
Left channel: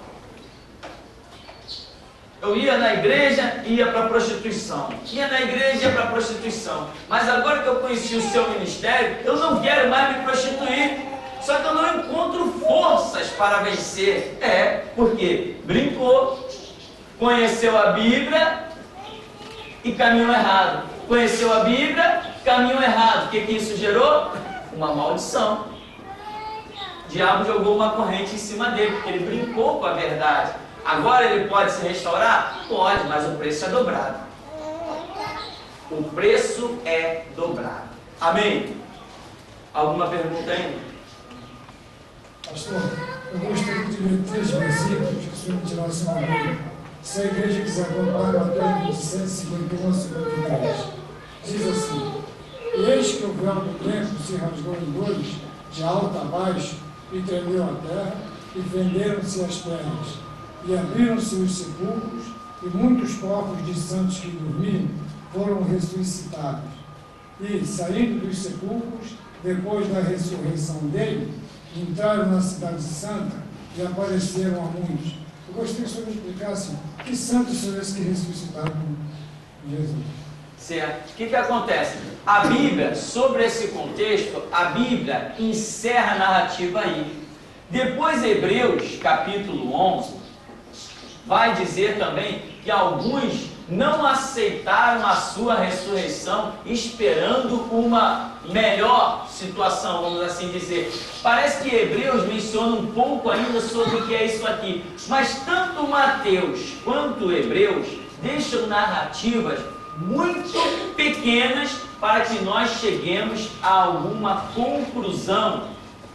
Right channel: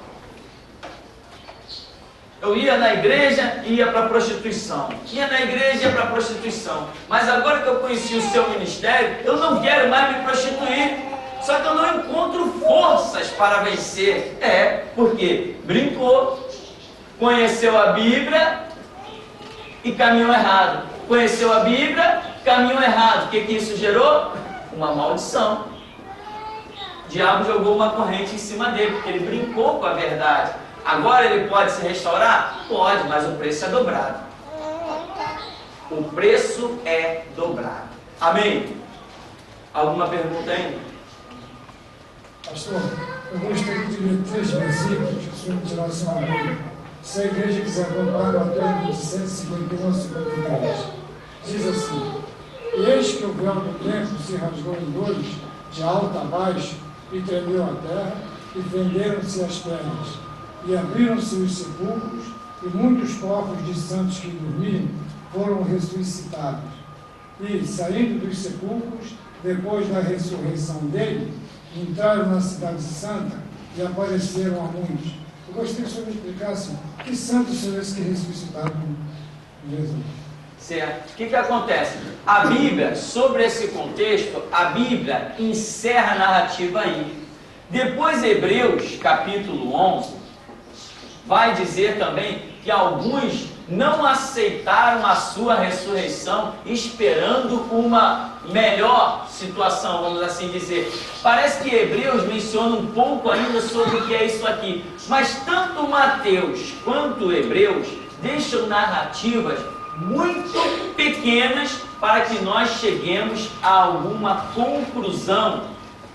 eu ia na igreja e ia para a prostituição. Ia na igreja e ia para a prostituição. Mas agora que eu conheci o seu ministério, eu não quero mais me prostituir. Só que eu não encontro forças para vencer. Porque brincou, conheceu a Bíblia e caminhou errado. Conheceu a Bíblia, caminhou errado. O que isso gerou? Uma maldição. O diabo jogou uma corrente em cima dele, porque ele brincou com a verdade. Agora ele pode se restaurar? Pode, mas o preço é dobrado. O preço é dobrado. Amém? Alguma pergunta ainda? Pastor, eu gostaria de ler 3 versículos que o senhor me tirasse uma Bíblia. Se a igreja quiser comprar, Mateus 27, 51 a 53. Diz assim: E eis que o véu do templo se rasgou em dois, de alto a baixo, e tremeu a terra, e fenderam-se as pernas, e abriram-se os sepulcros, e muitos corpos de santos que dormiam foram ressuscitados. E, saindo dos sepulcros, depois da ressurreição dele, entraram na cidade santa e apareceram a muitos. Eu gostaria que o senhor me explicasse que santos são esses que ressuscitaram Jesus. Certo. O que acontece? A Bíblia, sobre esse contexto, a Bíblia encerra a narrativa aí. Depois, Hebreus, capítulo 11, vai dizer também que alguns não aceitaram a sua ressurreição, esperando uma melhor situação, vamos assim dizer. Parece que Hebreus menciona um pouco ainda sobre o que é isso aqui, mas tanto Mateus quanto Hebreus deixam narrativas muito pequenas para que nós cheguemos a alguma conclusão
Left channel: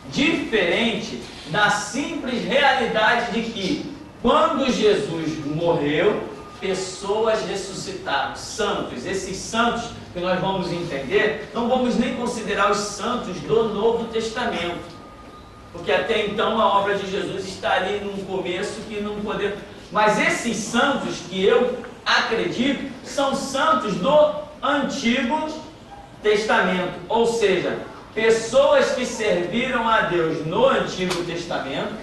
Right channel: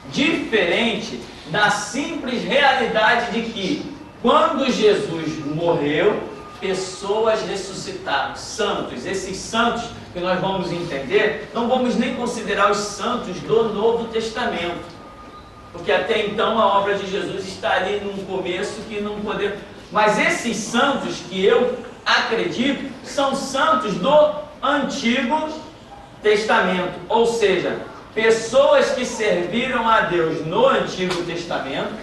diferente da simples realidade de que quando Jesus morreu, pessoas ressuscitaram, santos. Esses santos que nós vamos entender, não vamos nem considerar os santos do Novo Testamento, porque até então a obra de Jesus está ali num começo que não podemos. Mas esses santos que eu acredito são santos do Antigo Testamento, ou seja, pessoas que serviram a Deus no Antigo Testamento,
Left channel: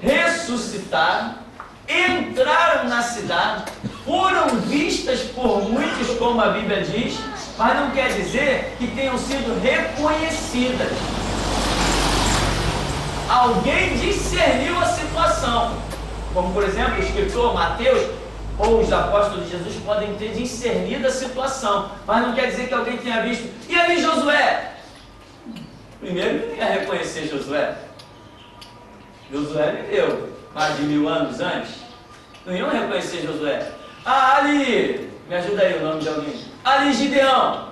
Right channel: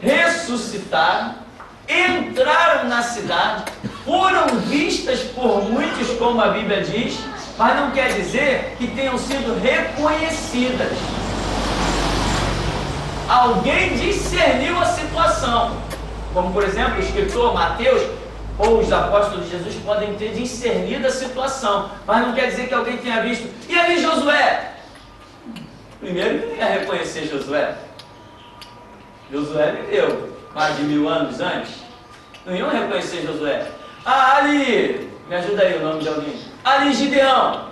ressuscitaram, entraram na cidade, foram vistas por muitos, como a Bíblia diz, mas não quer dizer que tenham sido reconhecidas. Alguém discerniu a situação, como por exemplo o escritor Mateus ou os apóstolos de Jesus podem ter discernido a situação, mas não quer dizer que alguém tenha visto. E ali Josué? Primeiro, não ia reconhecer Josué. Josué viveu mais de 1000 anos antes. Não iam reconhecer Josué. Ah, ali, me ajuda aí o nome de alguém. Ali Gideão.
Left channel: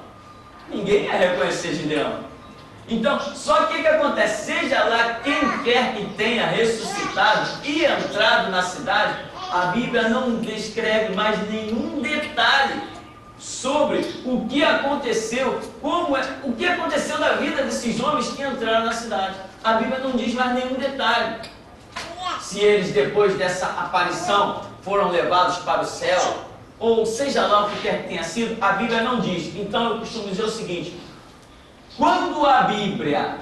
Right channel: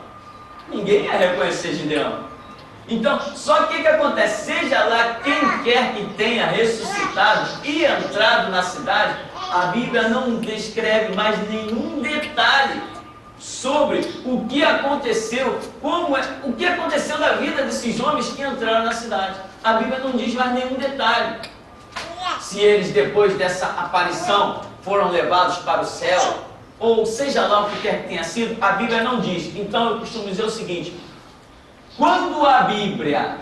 Ninguém ia reconhecer Gideão. Então, só que o que acontece? Seja lá quem quer que tenha ressuscitado e entrado na cidade, a Bíblia não descreve mais nenhum detalhe sobre o que aconteceu, o que aconteceu na vida desses homens que entraram na cidade. A Bíblia não diz mais nenhum detalhe. Se eles, depois dessa aparição, foram levados para o céu, ou seja lá o que quer que tenha sido, a Bíblia não diz. Então eu costumo dizer o seguinte: quando a Bíblia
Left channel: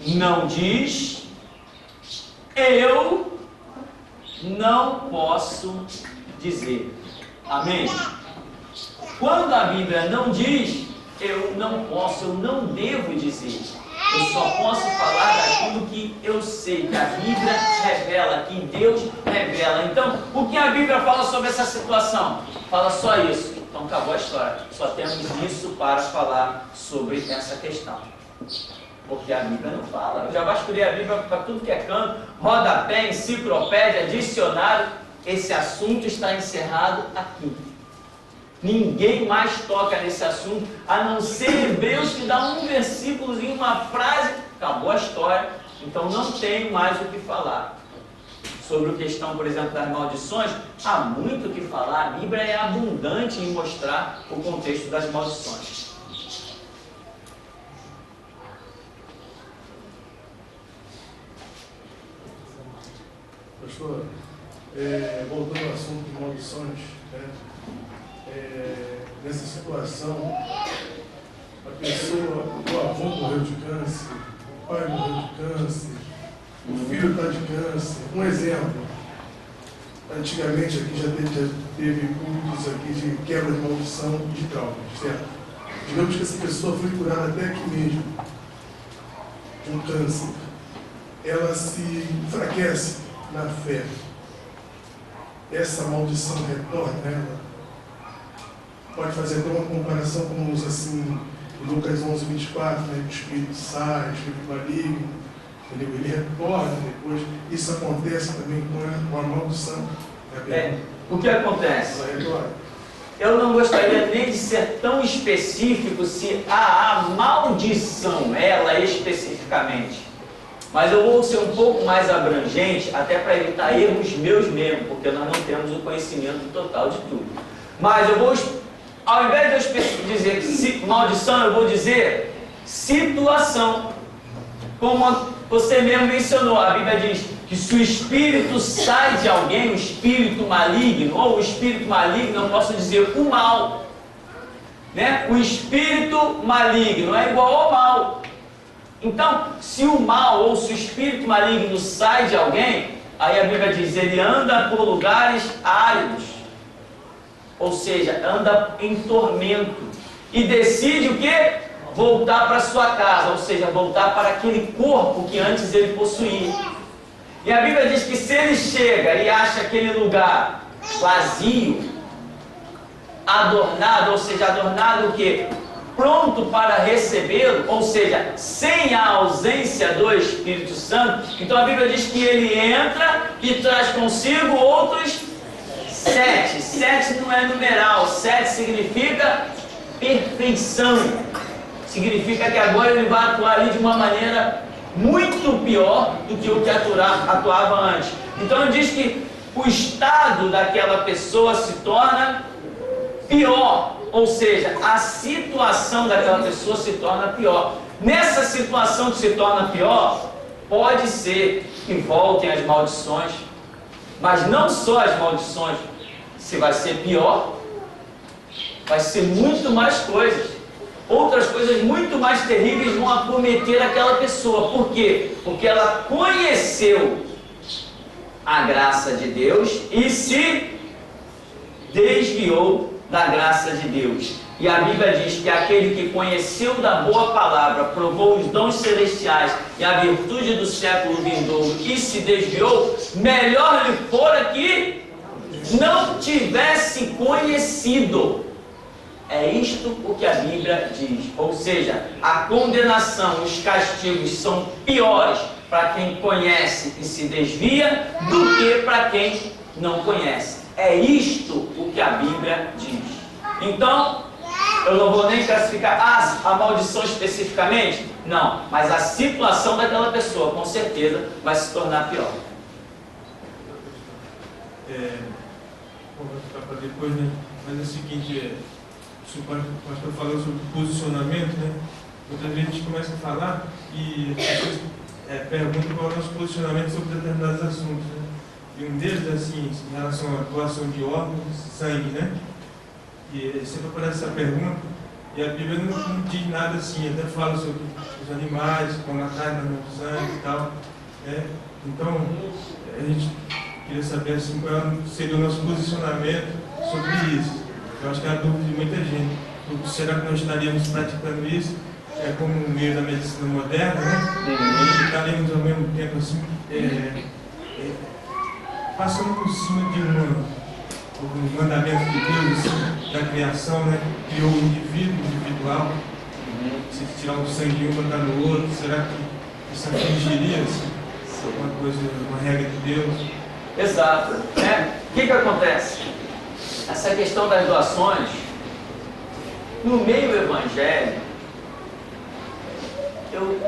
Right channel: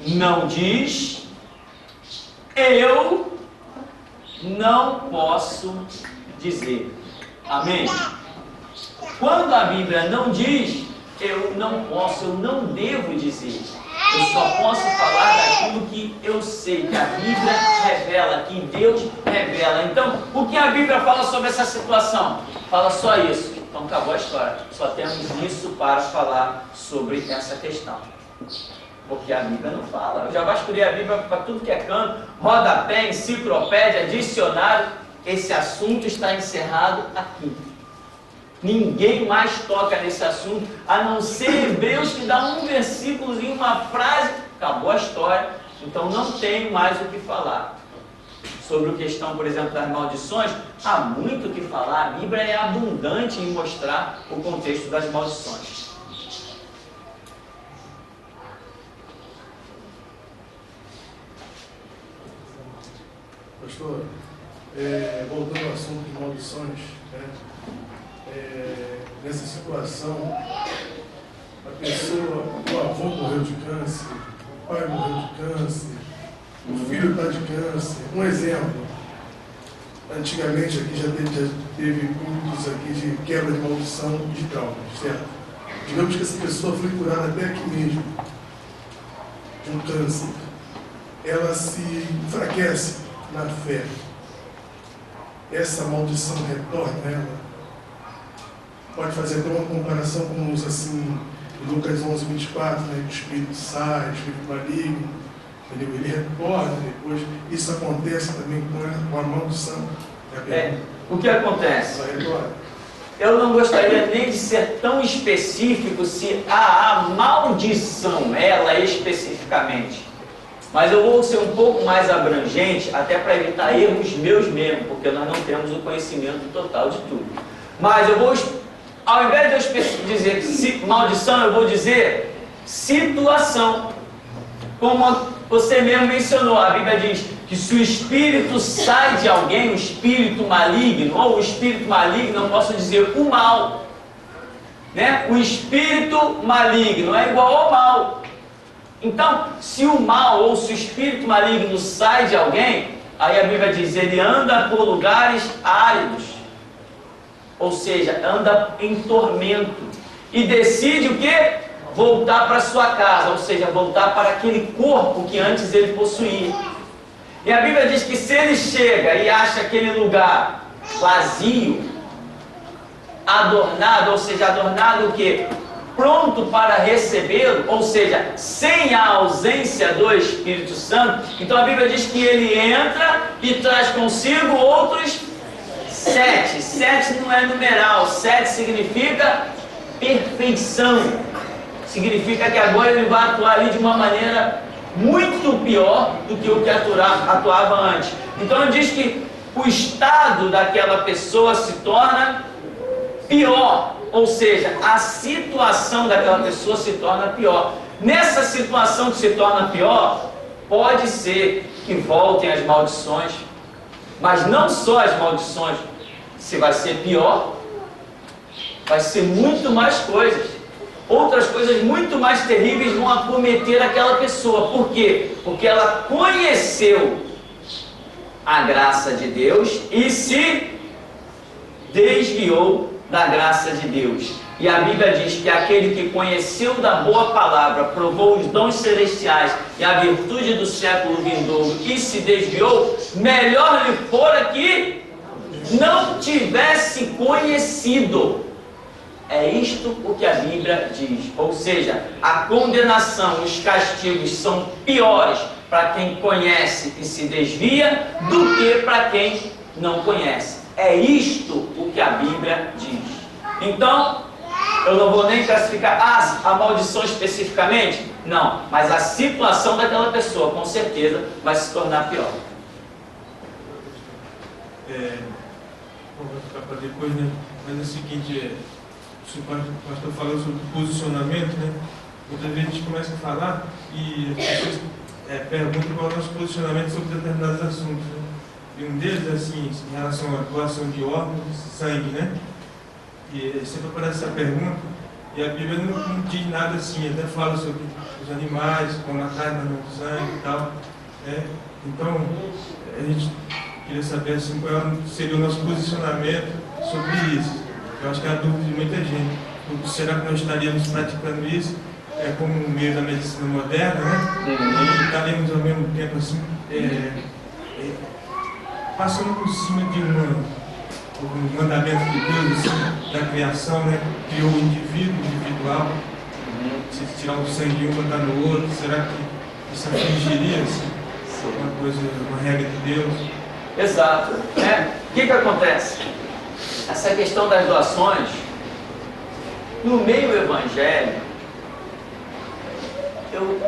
não diz, eu não posso dizer. Amém? Quando a Bíblia não diz, eu não posso, eu não devo dizer. Eu só posso falar daquilo que eu sei, que a Bíblia revela, que Deus revela. Então, o que a Bíblia fala sobre essa situação? Fala só isso. Então acabou a história. Só temos isso para falar sobre essa questão. Porque a Bíblia não fala. Eu já vasculhei a Bíblia para tudo que é canto, rodapé, enciclopédia, dicionário. Esse assunto está encerrado aqui. Ninguém mais toca nesse assunto, a não ser Hebreus, que dá um versículozinho, uma frase, acabou a história. Então não tenho mais o que falar. Sobre a questão, por exemplo, das maldições, há muito o que falar. A Bíblia é abundante em mostrar o contexto das maldições. Pastor, voltando ao assunto de maldições, né? Nessa situação, a pessoa, o avô morreu de câncer, o pai morreu de câncer, o filho está de câncer. Um exemplo, antigamente aqui já teve cultos aqui de quebra de maldição e de traumas, certo? Digamos que essa pessoa foi curada até aqui mesmo, de um câncer. Ela se enfraquece na fé. Essa maldição retorna a ela. Pode fazer até uma comparação com os assim, em Lucas 11:24, né? O espírito sai, o espírito maligno, entendeu? Ele retorna depois. Isso acontece também com a maldição. O que acontece? Ela retorna. Eu não gostaria nem de ser tão específico se há a maldição, ela especificamente. Mas eu vou ser um pouco mais abrangente, até para evitar erros meus mesmo, porque nós não temos o conhecimento total de tudo. Mas eu vou, ao invés de eu dizer maldição, eu vou dizer situação. Como você mesmo mencionou, a Bíblia diz que se o espírito sai de alguém, o espírito maligno, ou o espírito maligno, eu posso dizer o mal, né? O espírito maligno é igual ao mal. Então, se o mal ou se o espírito maligno sai de alguém, aí a Bíblia diz, ele anda por lugares áridos, ou seja, anda em tormento, e decide o quê? Voltar para sua casa, ou seja, voltar para aquele corpo que antes ele possuía. E a Bíblia diz que se ele chega e acha aquele lugar vazio, adornado, ou seja, adornado o quê? Pronto para recebê-lo, ou seja, sem a ausência do Espírito Santo, então a Bíblia diz que ele entra e traz consigo outros 7. 7 não é numeral, 7 significa perfeição. Significa que agora ele vai atuar ali de uma maneira muito pior do que o que atuava antes. Então diz que o estado daquela pessoa se torna pior, ou seja, a situação daquela pessoa se torna pior. Nessa situação que se torna pior, pode ser que voltem as maldições, mas não só as maldições. Se vai ser pior, vai ser muito mais coisas. Outras coisas muito mais terríveis vão acometer aquela pessoa. Por quê? Porque ela conheceu a graça de Deus e se desviou da graça de Deus. E a Bíblia diz que aquele que conheceu da boa palavra, provou os dons celestiais e a virtude do século vindouro e se desviou, melhor lhe fora que não tivesse conhecido. É isto o que a Bíblia diz. Ou seja, a condenação, os castigos são piores para quem conhece e se desvia do que para quem não conhece. É isto o que a Bíblia diz. Então, eu não vou nem classificar a maldição especificamente, não, mas a situação daquela pessoa, com certeza, vai se tornar pior. Vou ficar para depois, né? Mas é o seguinte, o pastor falou sobre posicionamento, né? Muitas vezes a gente começa a falar e as pessoas perguntam qual é o nosso posicionamento sobre determinados assuntos, né? E um deles, assim, em relação à doação de órgãos, sangue, né? E sempre aparece essa pergunta, e a Bíblia não diz nada assim, até fala sobre os animais, como a carne no sangue e tal, né? Então, a gente queria saber assim, qual seria o nosso posicionamento sobre isso. Eu acho que é a dúvida de muita gente. Será que nós estaríamos praticando isso como um meio da medicina moderna, né? E estaremos ao mesmo tempo assim, passando por cima de um mandamento de Deus, assim, da criação, né? Criou o individual. Se tirar o sangue de um e botar no outro, será que isso afligiria assim, uma coisa, uma regra de Deus? Exato. O que acontece? Essa questão das doações, no meio evangélico,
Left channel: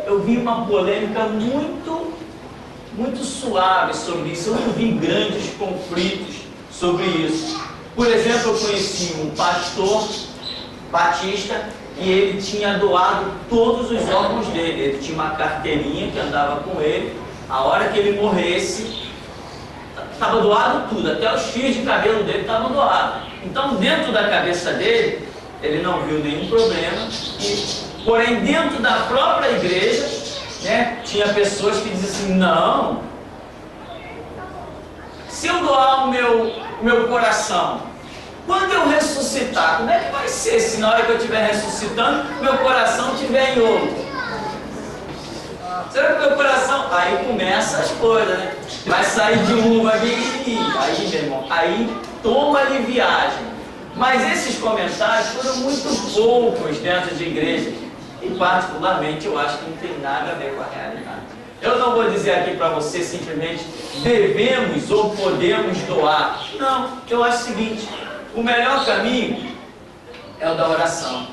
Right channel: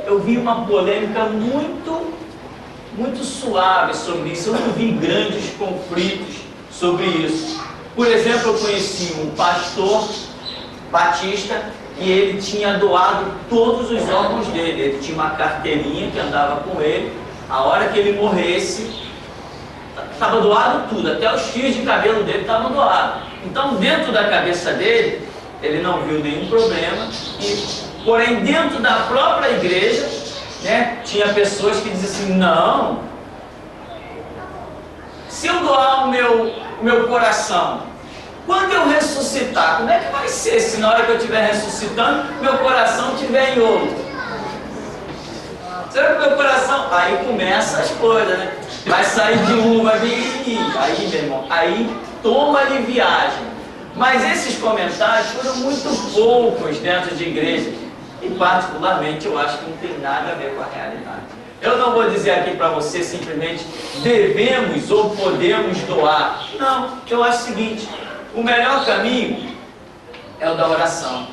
eu vi uma polêmica muito suave sobre isso. Eu não vi grandes conflitos sobre isso. Por exemplo, eu conheci um pastor batista e ele tinha doado todos os órgãos dele. Ele tinha uma carteirinha que andava com ele. A hora que ele morresse, estava doado tudo, até os fios de cabelo dele estavam doados. Então, dentro da cabeça dele, ele não viu nenhum problema. Porém, dentro da própria igreja, né, tinha pessoas que diziam assim: não, se eu doar o meu coração, quando eu ressuscitar, como é que vai ser se na hora que eu estiver ressuscitando, meu coração estiver em outro? Será que meu coração... Aí começa as coisas, né? Vai sair de um, vai vir... Aí, meu irmão, aí toma-lhe viagem. Mas esses comentários foram muito poucos dentro de igreja. E particularmente eu acho que não tem nada a ver com a realidade. Eu não vou dizer aqui para você simplesmente devemos ou podemos doar. Não, eu acho o seguinte: o melhor caminho é o da oração.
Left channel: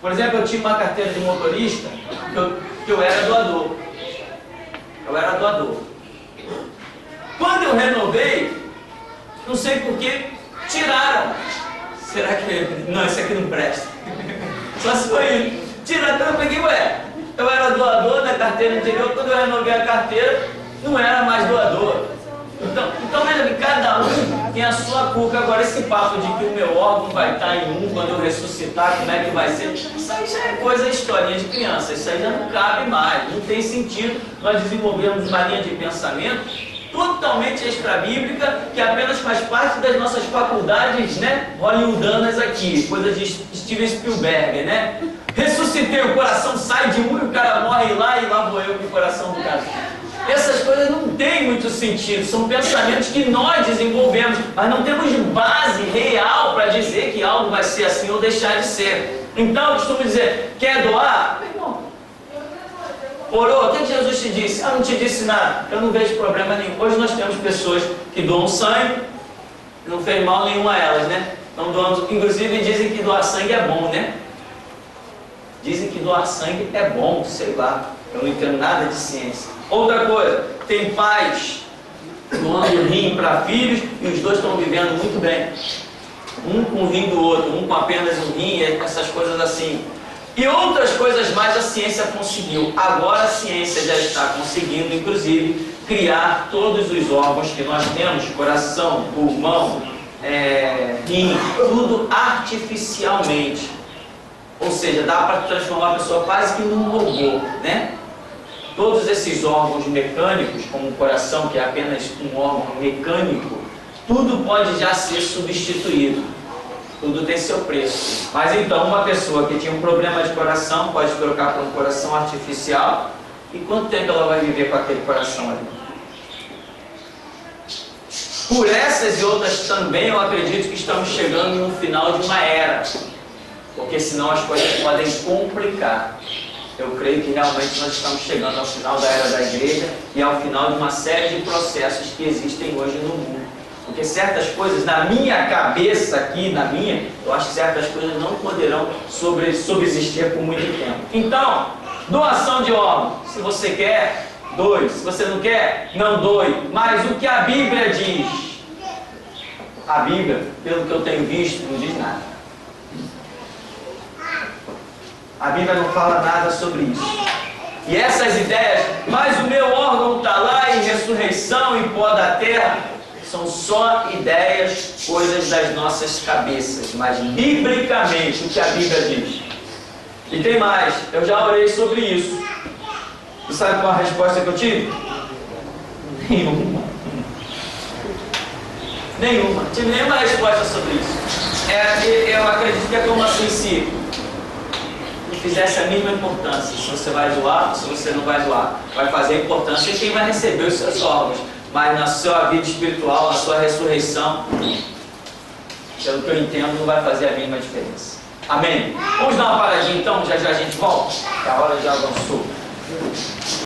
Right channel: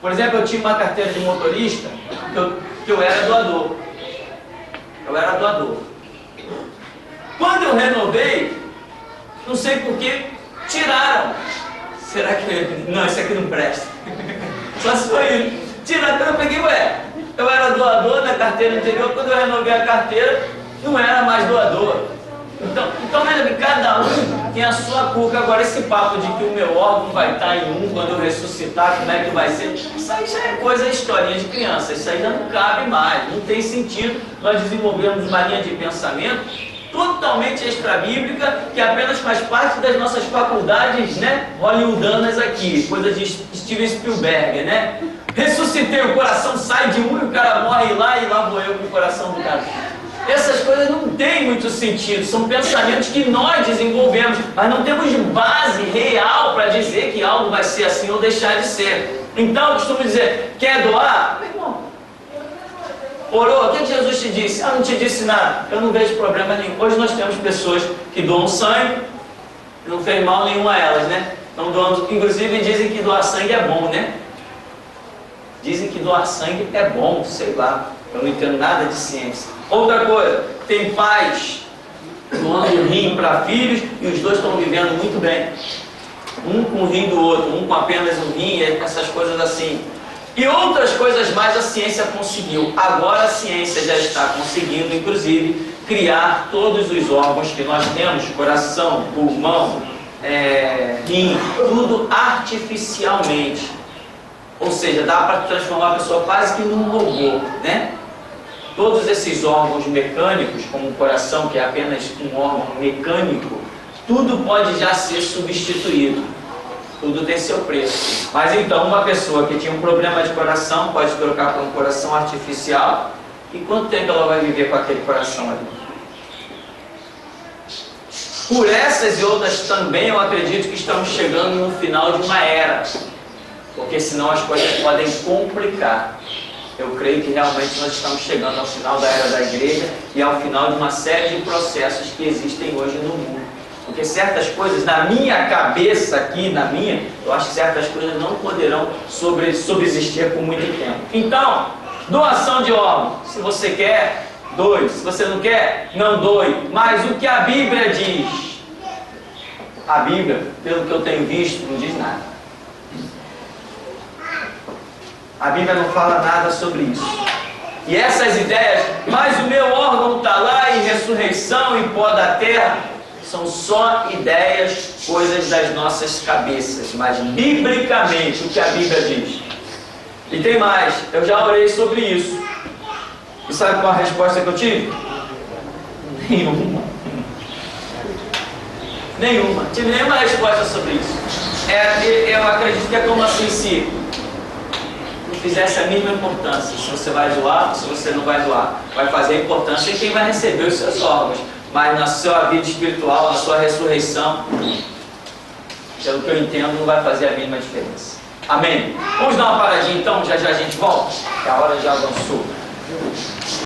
Por exemplo, eu tinha uma carteira de motorista que eu era doador. Eu era doador. Quando eu renovei, não sei por que, tiraram. Será que... Não, isso aqui não presta. Só se foi tiraram. Então eu peguei, eu era doador da carteira anterior. Quando eu renovei a carteira, não era mais doador. Então veja que cada um tem a sua cuca. Agora esse papo de que o meu órgão vai estar em um quando eu ressuscitar, como é que vai ser? Isso aí já é coisa, historinha de criança. Isso aí já não cabe mais, não tem sentido nós desenvolvermos uma linha de pensamento totalmente extra-bíblica, que apenas faz parte das nossas faculdades, né, hollywoodanas aqui, coisa de Steven Spielberg, né? Ressuscitei, o coração sai de um e o cara morre lá, e lá vou eu com o coração do cara. Essas coisas não têm muito sentido, são pensamentos que nós desenvolvemos, mas não temos base real para dizer que algo vai ser assim ou deixar de ser. Então eu costumo dizer: quer doar? Meu irmão, orou? O que Jesus te disse? Ah, não te disse nada. Eu não vejo problema nenhum. Hoje nós temos pessoas que doam sangue, não fez mal nenhum a elas, né? Estão doando, inclusive dizem que doar sangue é bom, né? Dizem que doar sangue é bom, sei lá. Eu não entendo nada de ciência. Outra coisa, tem pais doando rim para filhos e os dois estão vivendo muito bem. Um com o rim do outro, um com apenas um rim, essas coisas assim. E outras coisas mais a ciência conseguiu. Agora a ciência já está conseguindo, inclusive, criar todos os órgãos que nós temos, coração, pulmão, rim, tudo artificialmente. Ou seja, dá para transformar a pessoa quase que num robô, né? Todos esses órgãos mecânicos, como o coração, que é apenas um órgão mecânico, tudo pode já ser substituído. Tudo tem seu preço. Mas então, uma pessoa que tinha um problema de coração pode trocar por um coração artificial. E quanto tempo ela vai viver com aquele coração ali? Por essas e outras também eu acredito que estamos chegando no final de uma era. Porque senão as coisas podem complicar. Eu creio que realmente nós estamos chegando ao final da era da igreja e ao final de uma série de processos que existem hoje no mundo. Porque certas coisas, na minha cabeça aqui, eu acho que certas coisas não poderão subsistir por muito tempo. Então, doação de órgão. Se você quer, doe. Se você não quer, não doe. Mas o que a Bíblia diz? A Bíblia, pelo que eu tenho visto, não diz nada. A Bíblia não fala nada sobre isso. E essas ideias, mas o meu órgão está lá em ressurreição e pó da terra são só ideias, coisas das nossas cabeças, mas biblicamente o que a Bíblia diz. E tem mais, eu já orei sobre isso. E sabe qual a resposta que eu tive? Nenhuma. Nenhuma. Tive nenhuma resposta sobre isso. Eu acredito que é como assim, se não fizesse a mínima importância, se você vai doar, se você não vai doar, vai fazer importância em quem vai receber os seus órgãos, mas na sua vida espiritual, na sua ressurreição, pelo que eu entendo, não vai fazer a mínima diferença. Amém? Vamos dar uma paradinha então, já já a gente volta, que a hora já avançou.